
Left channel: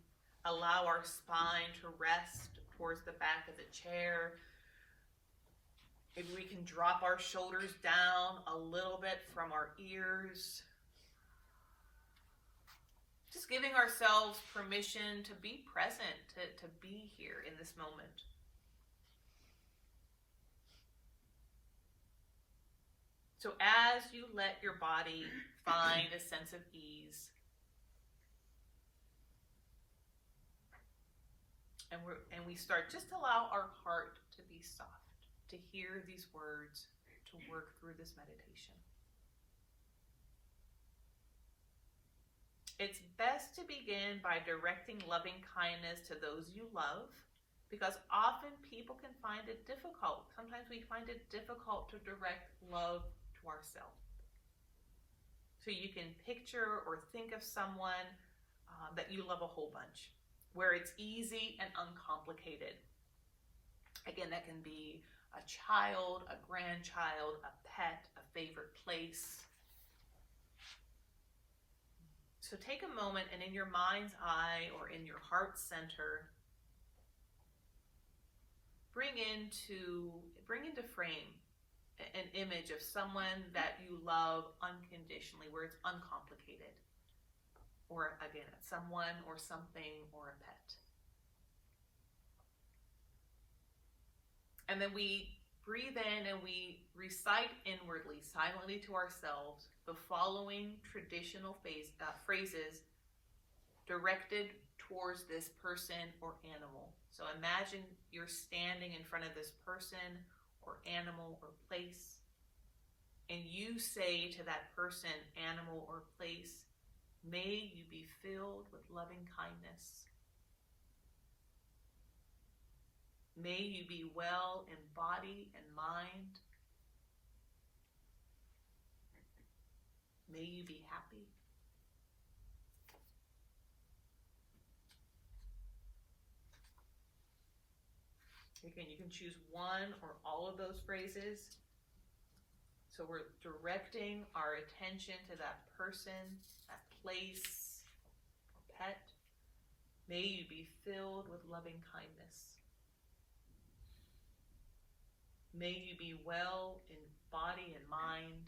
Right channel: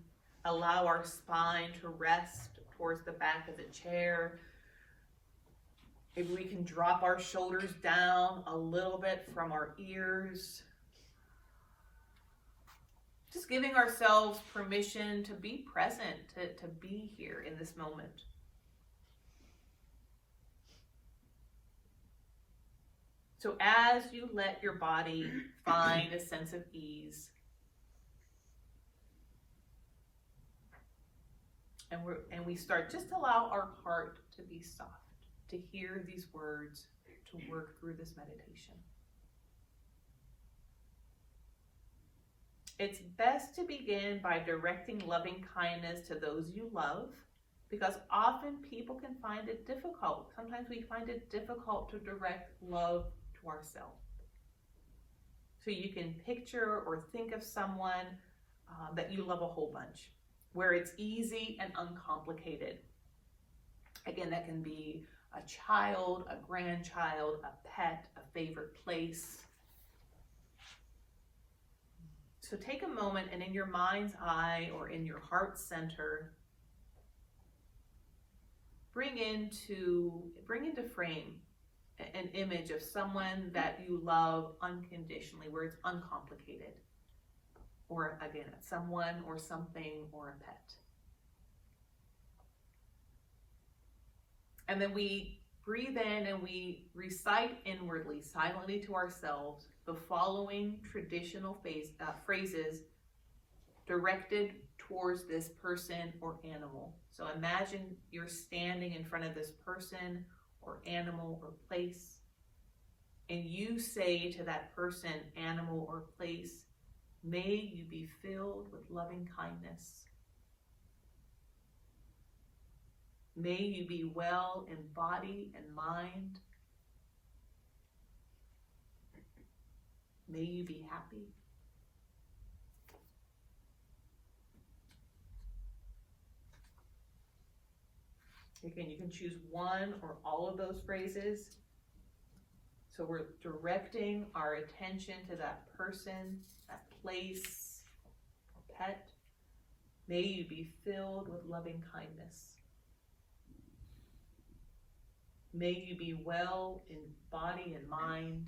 allow our spine to rest towards the back of the chair. Maybe we can drop our shoulders down a little bit from our ears. Just giving ourselves permission to be present, to be here in this moment. So as you let your body find a sense of ease, and we start, just allow our heart to be soft, to hear these words, to work through this meditation. It's best to begin by directing loving kindness to those you love, because often people can find it difficult. Sometimes we find it difficult to direct love to ourselves. So you can picture or think of someone that you love a whole bunch, where it's easy and uncomplicated. Again, that can be a child, a grandchild, a pet, a favorite place. So take a moment, and in your mind's eye or in your heart center, bring into frame an image of someone that you love unconditionally, where it's uncomplicated. Or again, someone or something or a pet. And then we breathe in and we recite inwardly, silently to ourselves, the following traditional phrases directed towards this person or animal. So imagine you're standing in front of this person or animal or place, and you say to that person, animal, or place, may you be filled with loving kindness. May you be well in body and mind. May you be happy. Again, you can choose one or all of those phrases. So we're directing our attention to that person, that place, or pet. May you be filled with loving kindness. May you be well in body and mind.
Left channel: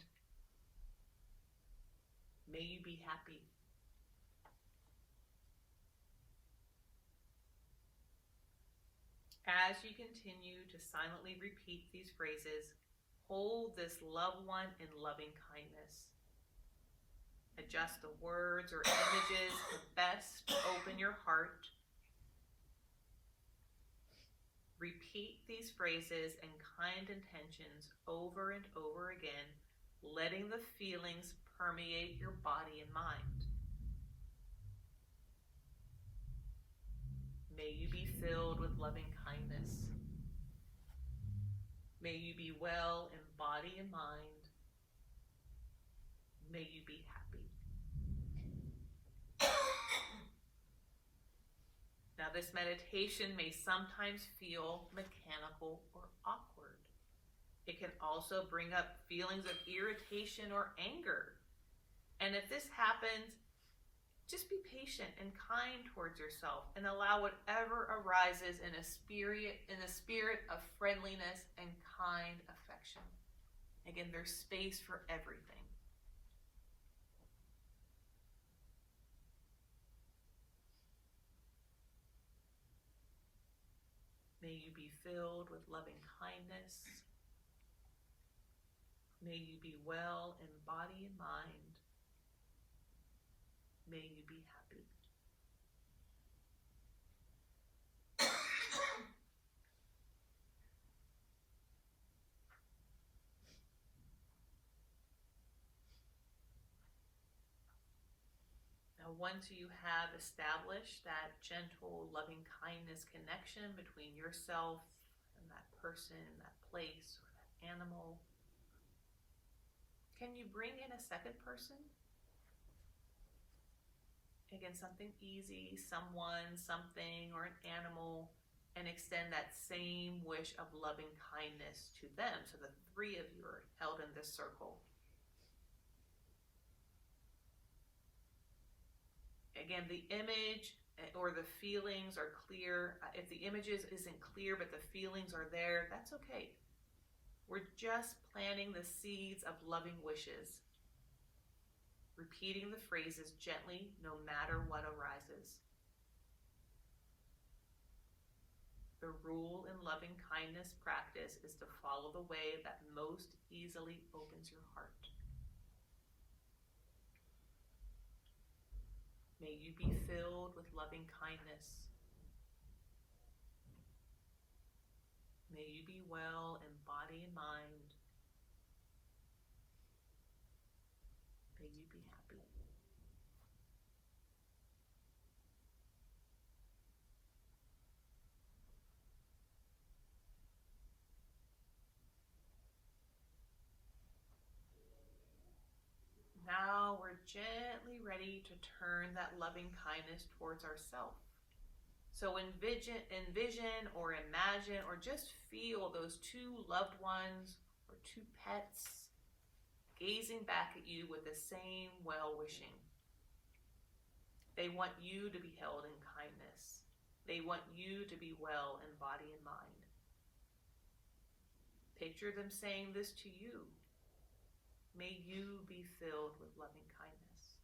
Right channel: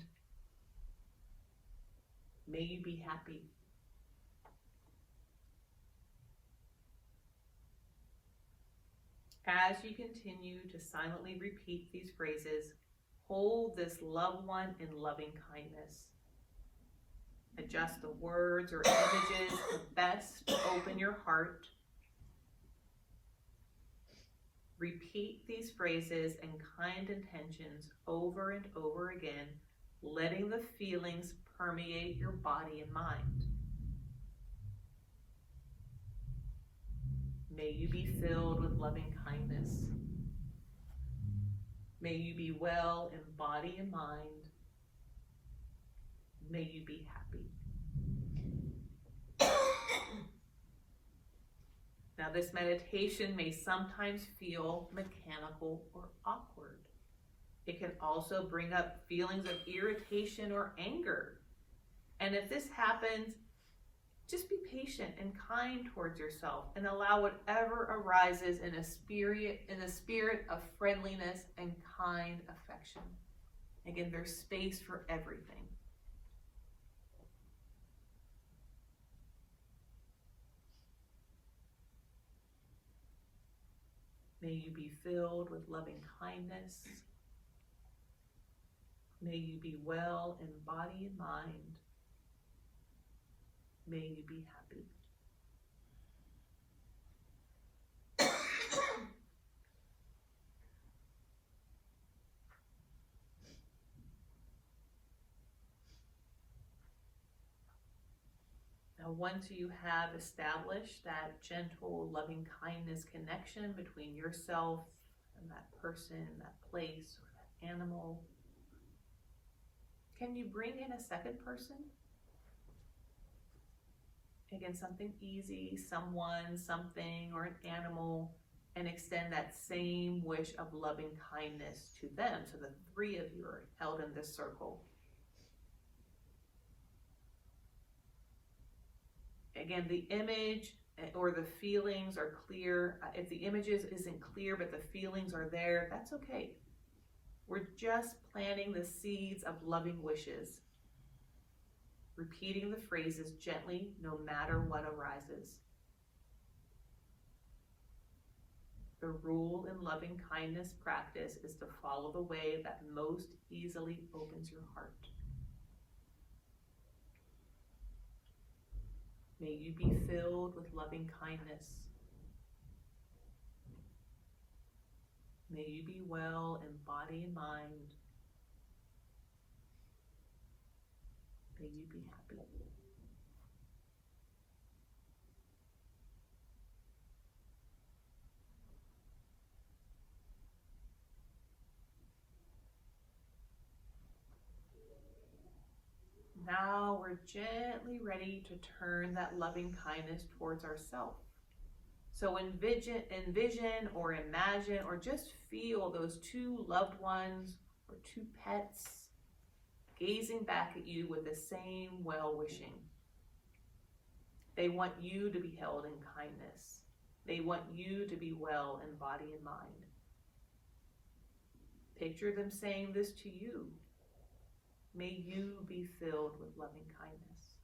May you be happy. As you continue to silently repeat these phrases, hold this loved one in loving kindness. Adjust the words or images best to open your heart. Repeat these phrases and kind intentions over and over again, letting the feelings permeate your body and mind. May you be filled with loving kindness. May you be well in body and mind. May you be happy. Now, this meditation may sometimes feel mechanical or awkward. It can also bring up feelings of irritation or anger. And if this happens, just be patient and kind towards yourself and allow whatever arises in the spirit of friendliness and kind affection. Again, there's space for everything. May you be filled with loving kindness. May you be well in body and mind. May you be happy. Now, once you have established that gentle, loving kindness connection between yourself and that person, that place, or that animal, can you bring in a second person? Again, something easy, someone, something, or an animal, and extend that same wish of loving kindness to them. So the three of you are held in this circle. Again, the image or the feelings are clear. If the images isn't clear, but the feelings are there, that's okay. We're just planting the seeds of loving wishes, repeating the phrases gently, no matter what arises. The rule in loving kindness practice is to follow the way that most easily opens your heart. May you be filled with loving kindness. May you be well in body and mind. May you be happy. Now we're gently ready to turn that loving kindness towards ourselves. So envision or imagine or just feel those two loved ones or two pets gazing back at you with the same well-wishing. They want you to be held in kindness. They want you to be well in body and mind. Picture them saying this to you. May you be filled with loving kindness.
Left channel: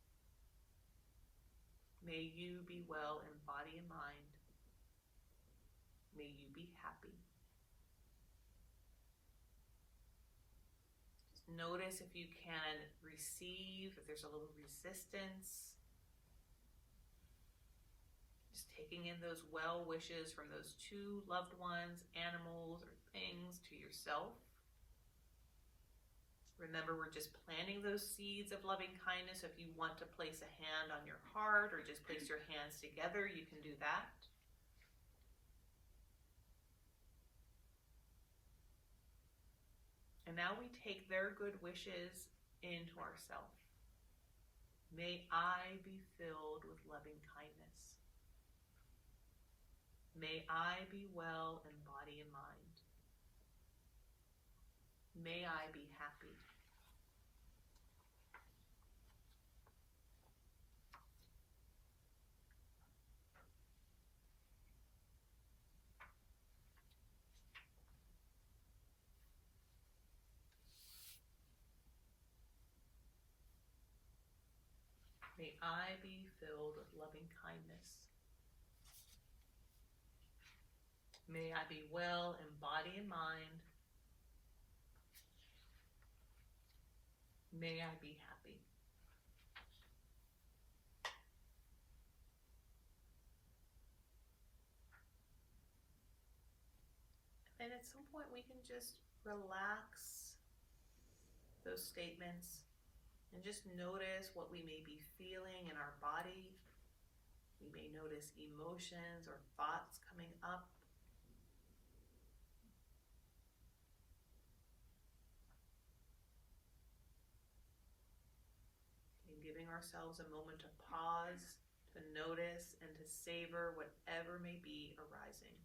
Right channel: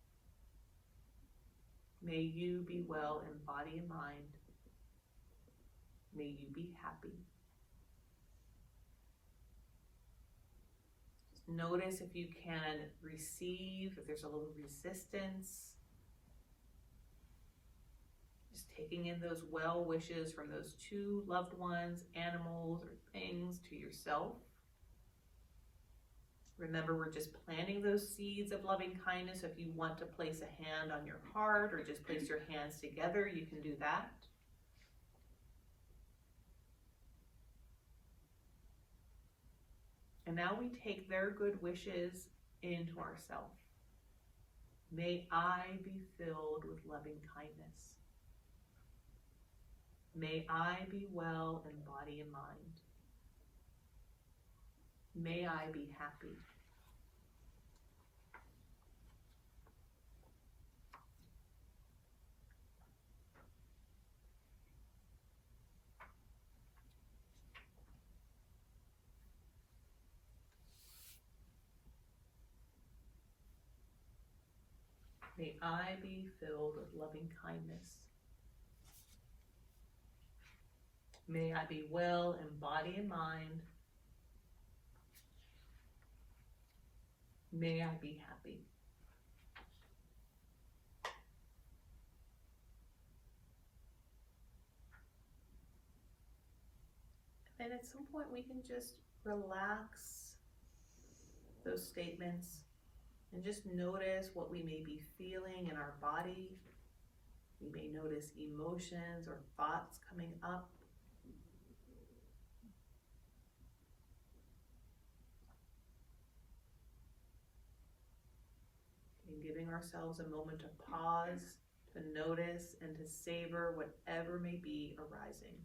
May you be well in body and mind. May you be happy. Notice if you can receive, if there's a little resistance. Just taking in those well wishes from those two loved ones, animals, or things to yourself. Remember, we're just planting those seeds of loving kindness. If you want to place a hand on your heart or just place your hands together, you can do that. And now we take their good wishes into ourselves. May I be filled with loving kindness. May I be well in body and mind. May I be happy. May I be filled with loving kindness. May I be well in body and mind. May I be happy. And at some point we can just relax those statements and just notice what we may be feeling in our body. We may notice emotions or thoughts coming up. And giving ourselves a moment to pause, to notice, and to savor whatever may be arising.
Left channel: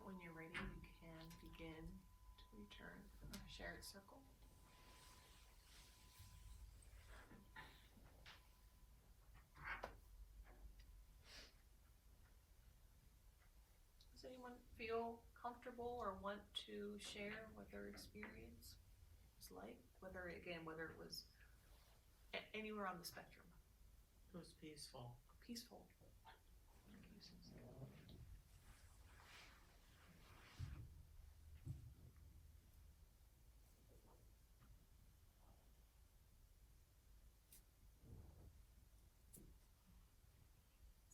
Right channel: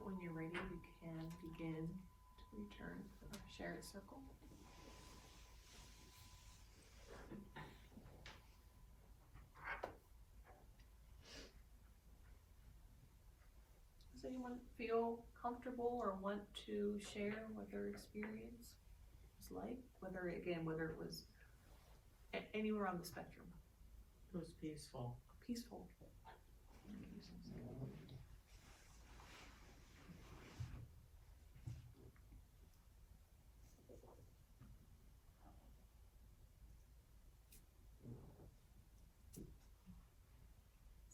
When you're ready, you can begin to return to our shared circle. Does anyone feel comfortable or want to share what their experience was like? Whether it was anywhere on the spectrum. It was peaceful. Peaceful.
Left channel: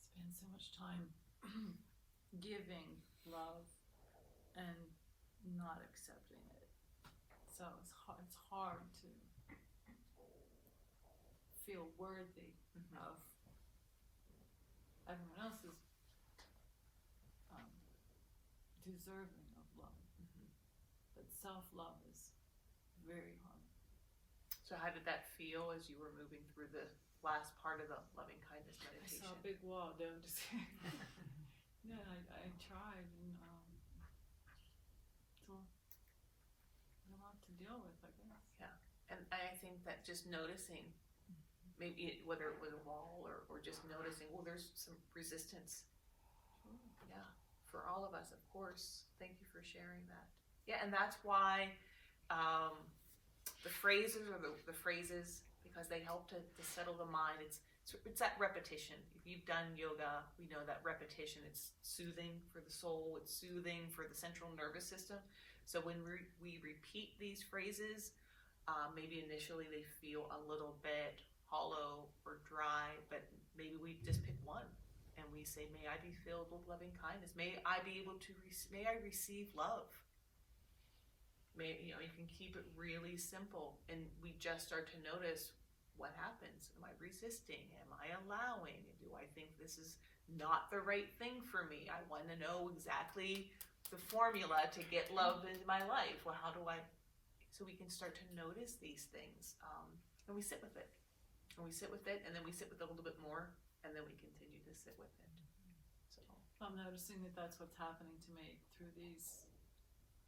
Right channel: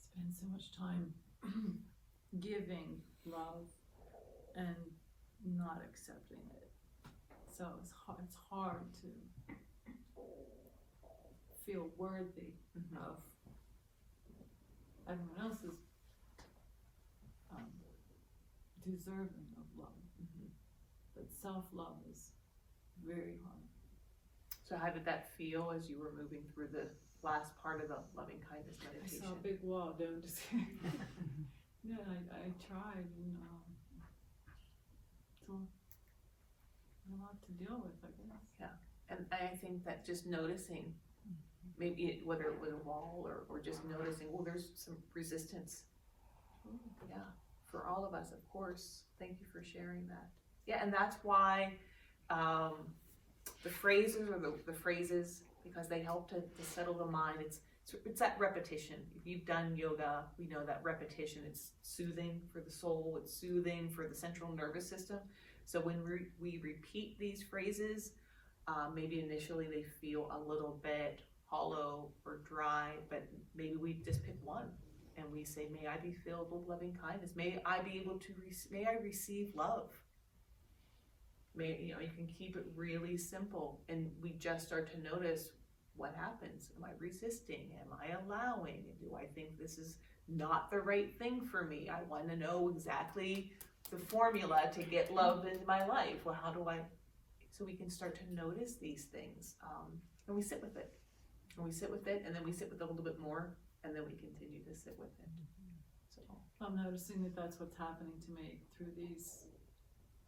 Spend so much time giving love and not accepting it. So it's hard to feel worthy of everyone else's deserving of love. But self-love is very hard. So how did that feel as you were moving through the last part of the loving kindness I meditation? saw a big wall, don't just no, I tried, and it's a lot to deal with, I guess. And I think that just noticing, maybe whether it was a wall or just noticing, well, there's some resistance. Yeah, for all of us, of course. Thank you for sharing that. Yeah, and that's why the phrases are the phrases, because they help to settle the mind. It's that repetition. If you've done yoga, we know that repetition, it's soothing for the soul, it's soothing for the central nervous system. So when we repeat these phrases, maybe initially they feel a little bit hollow or dry, but maybe we just pick one and we say, may I be filled with loving kindness. May I be able to, may I receive love. You can keep it really simple, and we just start to notice what happens. Am I resisting? Am I allowing? Do I think this is not the right thing for me? I want to know exactly the formula to get love in my life. Well, how do I? So we can start to notice these things, and we sit with it. And we sit with it, and then we sit with it a little bit more, and then we continue to sit with it. So I'm noticing that that's what's happening to me through these.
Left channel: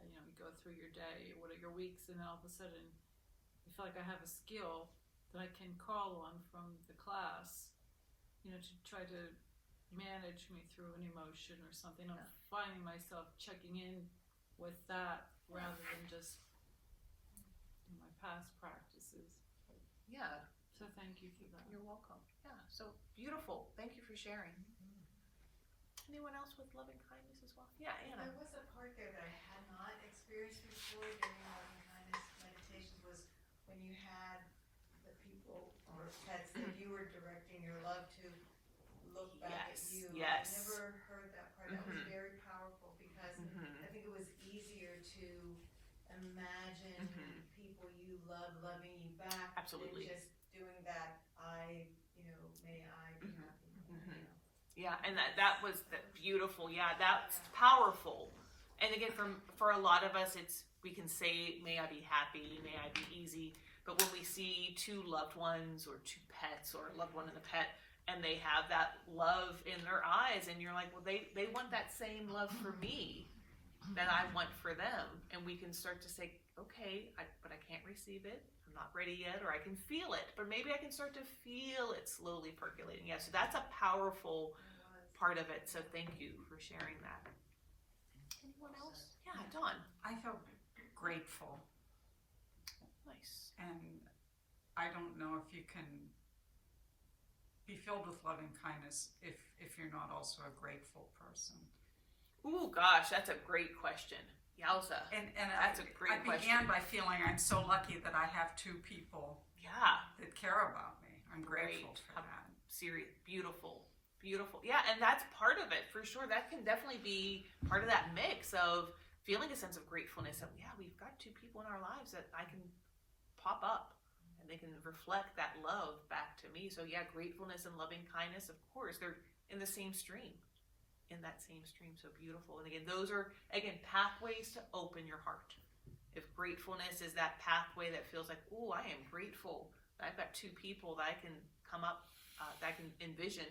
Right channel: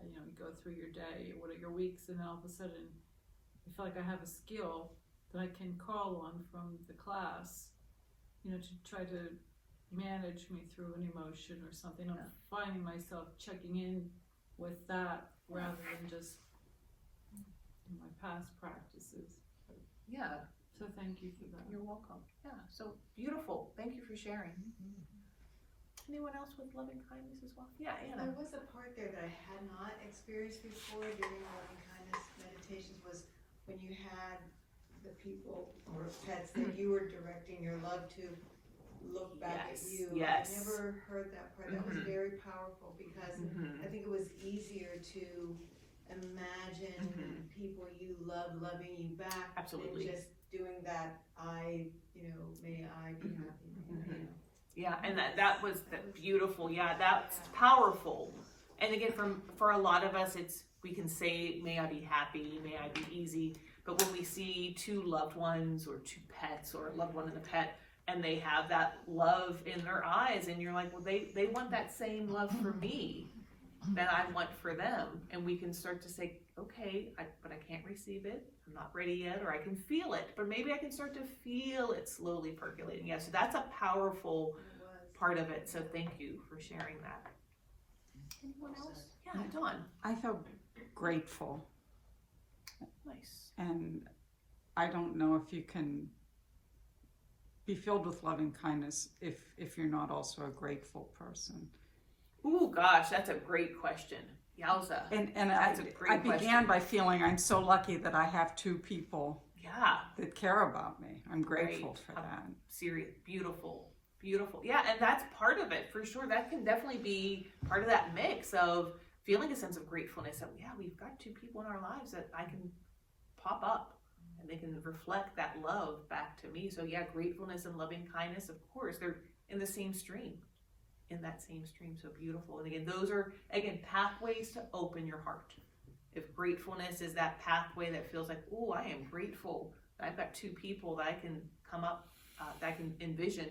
You go through your day, what are your weeks, and then all of a sudden I feel like I have a skill that I can call on from the class, to try to manage me through an emotion or something. I'm finding myself checking in with that rather than just my past practices. yeah, So thank you for that. you're welcome. Yeah, so beautiful. Thank you for sharing. Anyone else with loving kindness as well? Yeah, Anna. There was a part there that I had not experienced before during loving kindness meditations, was when you had the people or pets that you were directing your love to look back at you. Yes. I never heard that part. That was very powerful because I think it was easier to imagine people you love loving you back Absolutely. than just doing that may I be happy. You know. Yeah, and that was beautiful. Yeah, that's powerful. And again, for a lot of us, we can say, may I be happy, may I be easy. But when we see two loved ones or two pets or a loved one and a pet, and they have that love in their eyes, and you're like, well, they want that same love for me that I want for them. And we can start to say, okay, but I can't receive it. I'm not ready yet, or I can feel it, but maybe I can start to feel it slowly percolating. Yeah, so that's a powerful part of it. So thank you for sharing that. Anyone else? Yeah, Dawn. I feel grateful. Nice. And I don't know if you can be filled with loving kindness if you're not also a grateful person. Ooh, gosh, that's a great question. Yowza. And That's a great I began question. by feeling I'm so lucky that I have two people Yeah. that care about me. I'm grateful Right. for that. Serious. Beautiful. Beautiful. Yeah, and that's part of it for sure. That can definitely be part of that mix of feeling a sense of gratefulness that, yeah, we've got two people in our lives that I can pop up and they can reflect that love back to me. So yeah, gratefulness and loving kindness, of course, they're in the same stream. In that same stream. So beautiful. And again, those are, again, pathways to open your heart. If gratefulness is that pathway that feels like, oh, I am grateful that I've got two people that I can come up, that I can envision,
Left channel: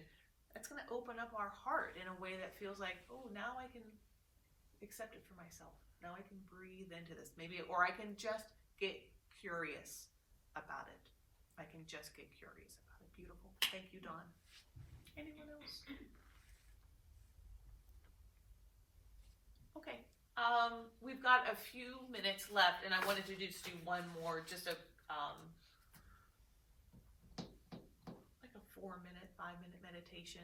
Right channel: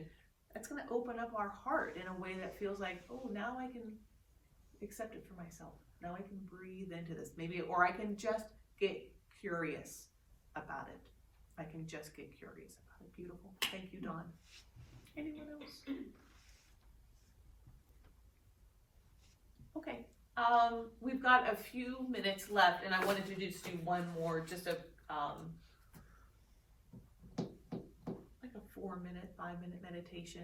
that's going to open up our heart in a way that feels like, oh, now I can accept it for myself. Now I can breathe into this. Maybe, or I can just get curious about it. I can just get curious about it. Beautiful. Thank you, Dawn. Anyone else? Okay, we've got a few minutes left, and I wanted to just do one more, just a like a 4-minute, 5-minute meditation.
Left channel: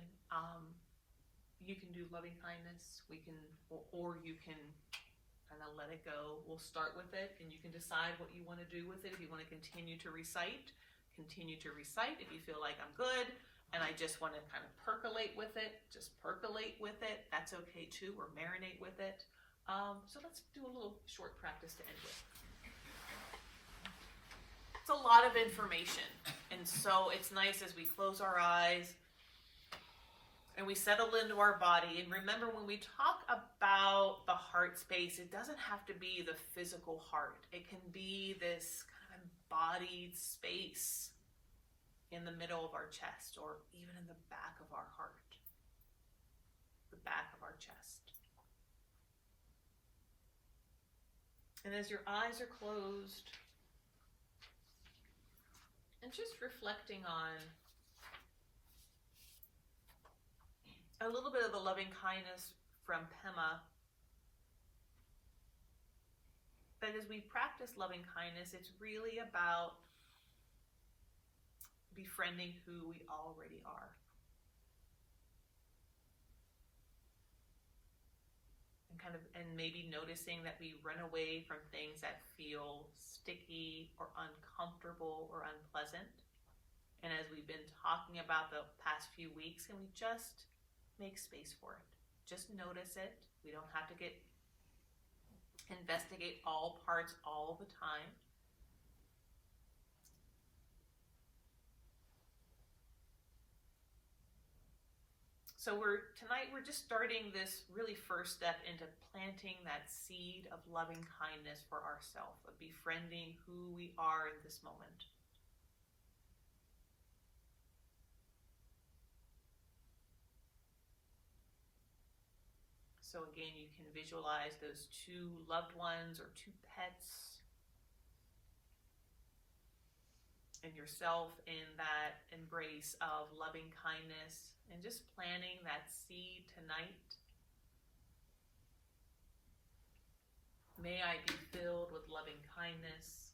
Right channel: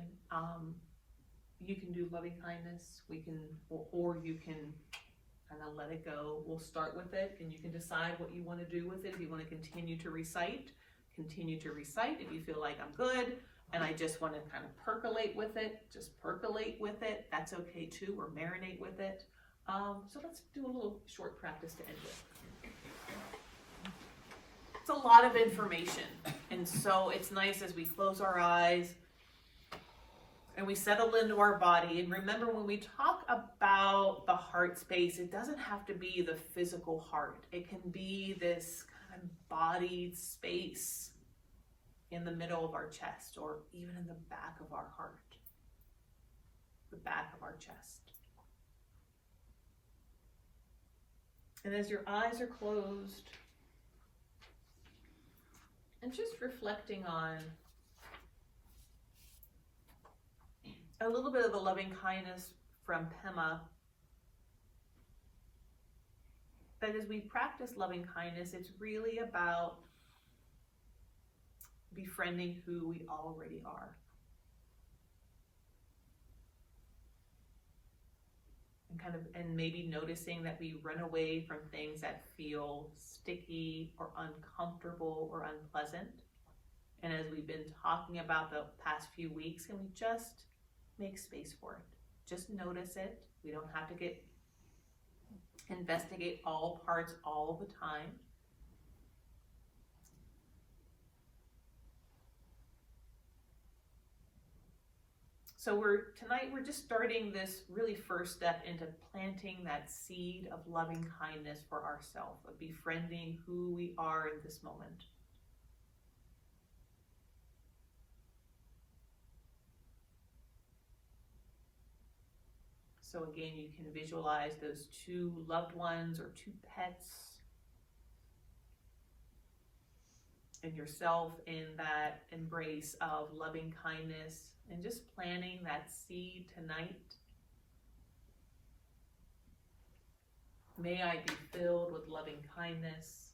You can do loving kindness. We can, or you can kind of let it go. We'll start with it, and you can decide what you want to do with it. If you want to continue to recite, continue to recite. If you feel like I'm good, and I just want to kind of percolate with it, just percolate with it. That's okay too, or marinate with it. So let's do a little short practice to end with. It's a lot of information, and so it's nice as we close our eyes and we settle into our body. And remember, when we talk about the heart space, it doesn't have to be the physical heart. It can be this kind of embodied space in the middle of our chest, or even in the back of our heart, the back of our chest. And as your eyes are closed, and just reflecting on a little bit of the loving kindness from Pema, that as we practice loving kindness, it's really about befriending who we already are. And maybe noticing that we run away from things that feel sticky or uncomfortable or unpleasant. And as we've been talking about the past few weeks, can we just make space for it? Just notice it. We don't have to investigate all parts all the time. So tonight we're just starting this really first step into planting that seed of loving kindness for ourselves, of befriending who we are in this moment. So again, you can visualize those two loved ones or two pets, and yourself in that embrace of loving kindness, and just planting that seed tonight. May I be filled with loving kindness.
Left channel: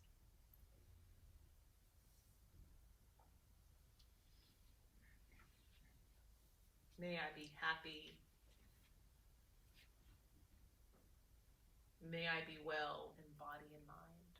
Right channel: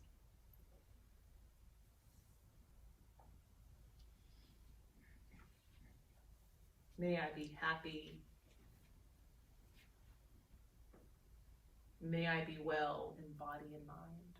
May I be happy. May I be well in body and mind.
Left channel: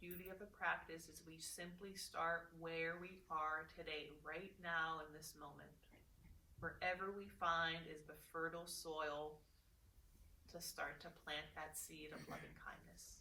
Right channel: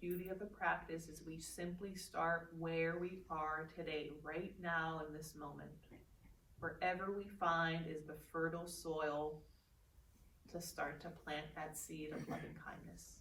beauty of the practice is we simply start where we are today, right now in this moment. Wherever we find is the fertile soil to start to plant that seed of loving kindness.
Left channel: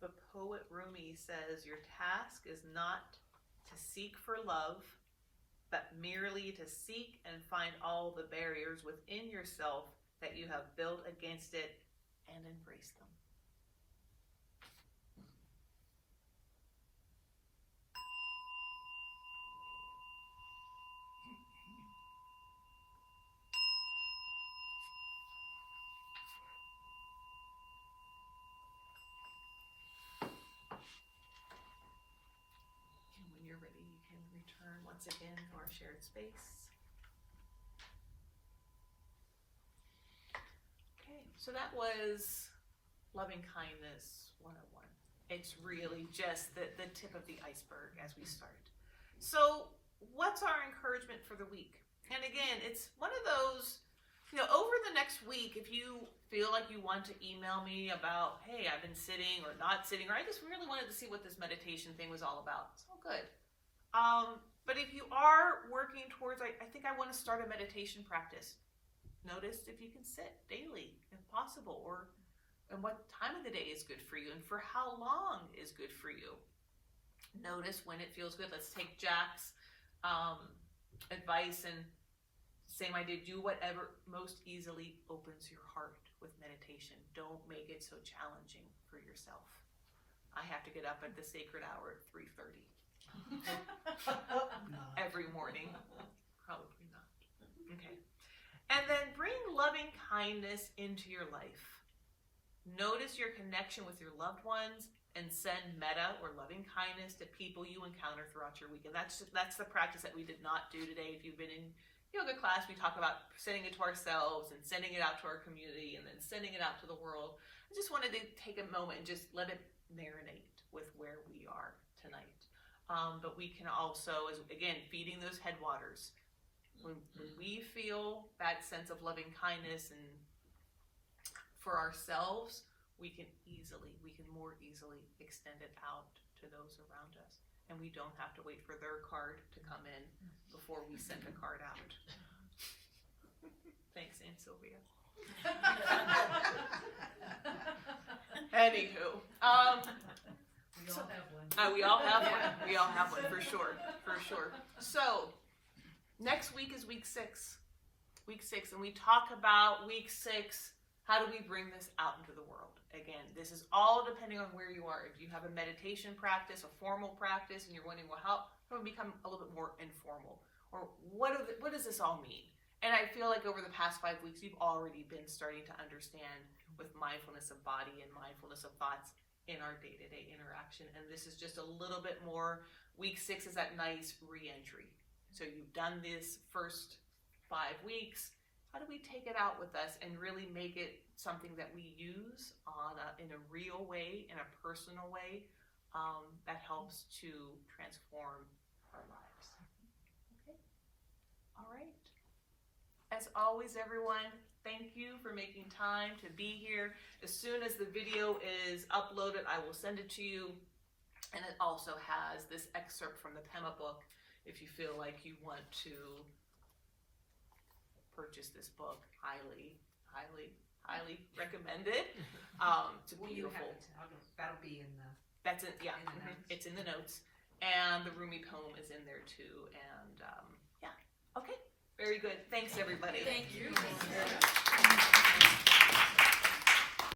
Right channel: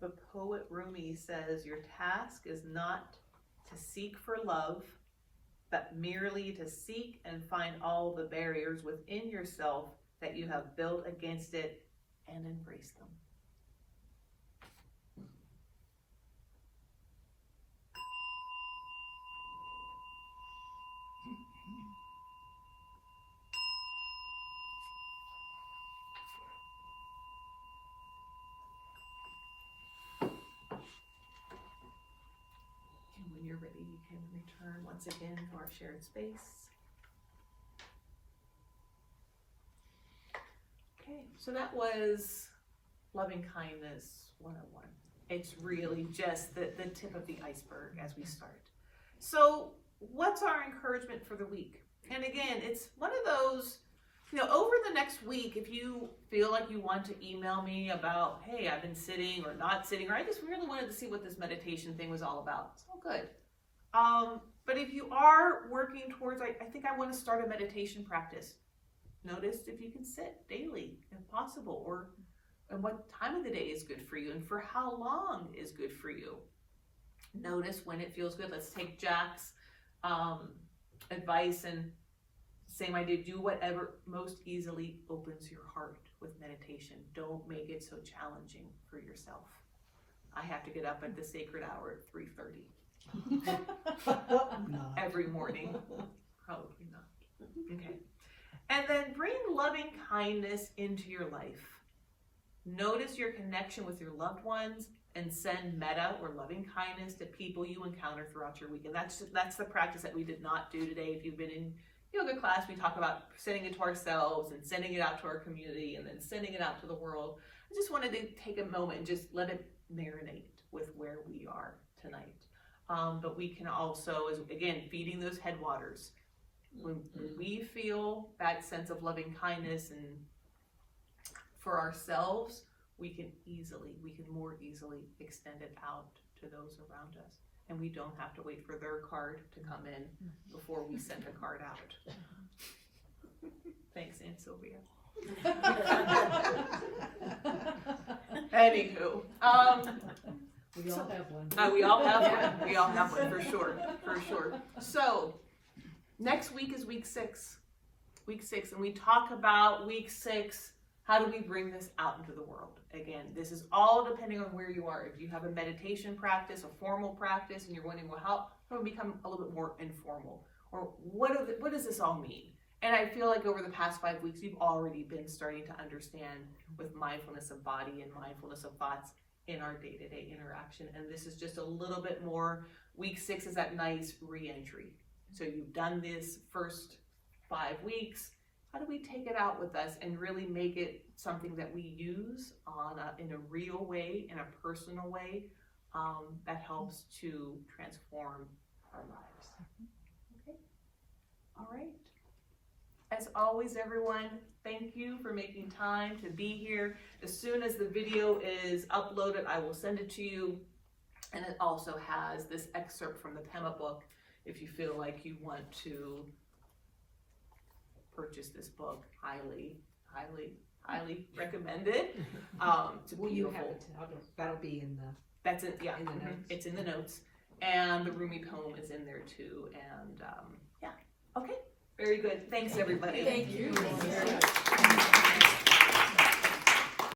The poet Rumi says, your task is not to seek for love, but merely to seek and find all the barriers within yourself that you have built against it and embrace them. And when you're ready, you can return once again to our shared space. Okay, so that was Loving Kindness 101. It's really just the tip of the iceberg as we start. So what's our encouragement for the week? And again, it's one of those, over the next week, if you feel like you want to email me about, hey, I've been sitting or not sitting, or I just really wanted to see what this meditation thing was all about. It's all good. But if you are working towards, I think I want to start a meditation practice. Notice if you can sit daily, if possible, and what time of the day is good for you, and for how long is good for you. Notice when it feels good. Let's take Jack's advice and same idea. Do whatever most easily opens your heart with meditation. Don't make it so challenging for yourself. I have to get up at the sacred hour at 3:30 every morning. Probably not. Okay. And then bring loving kindness into your life. Notice your connection with your loved ones and send metta or loving kindness to people you encounter throughout your week. And that's the practice that we did not do today. If you've been in yoga class, we talk about sending it to ourselves and sending it out to our community and then sending it out to the world. I just wanted to take a moment and just let it marinate with where we are tonight. But we can also, again, feeding those headwaters. When we feel that sense of loving kindness and for ourselves, we can more easily extend it out to those around us. And we don't have to wait for their card to come in before we send the card out. Thanks, Aunt Sylvia. Anywho, we all have one. we all have one. We all have one for sure. So next week is week 6. Week 6, and we talk about week 6. How do we bring this out into the world? Again, this is all depending on where you are. If you have a meditation practice, a formal practice, and you're wondering, well, how do we become a little bit more informal? Or what does this all mean? And I feel like over the past 5 weeks, you've already been starting to understand with mindfulness of body and mindfulness of thoughts in our day-to-day interaction. And this is just a little bit more. Week 6 is that nice re-entry. So you've done this first 5 weeks. How do we take it out with us and really make it something that we use in a real way, in a personal way, that helps to transform our lives? Okay? All right. As always, everyone, thank you for making time to be here. As soon as the video is uploaded, I will send it to you. And it also has this excerpt from the Pema book if you feel like you want to purchase this book. Highly, highly, highly recommended. It's Will you have beautiful. it? That'll be in the. That's it. Yeah, In the notes. It's in the notes, and the Rumi poem is in there too. And yeah, okay, very good. Thanks everybody. Thank you. Thank you.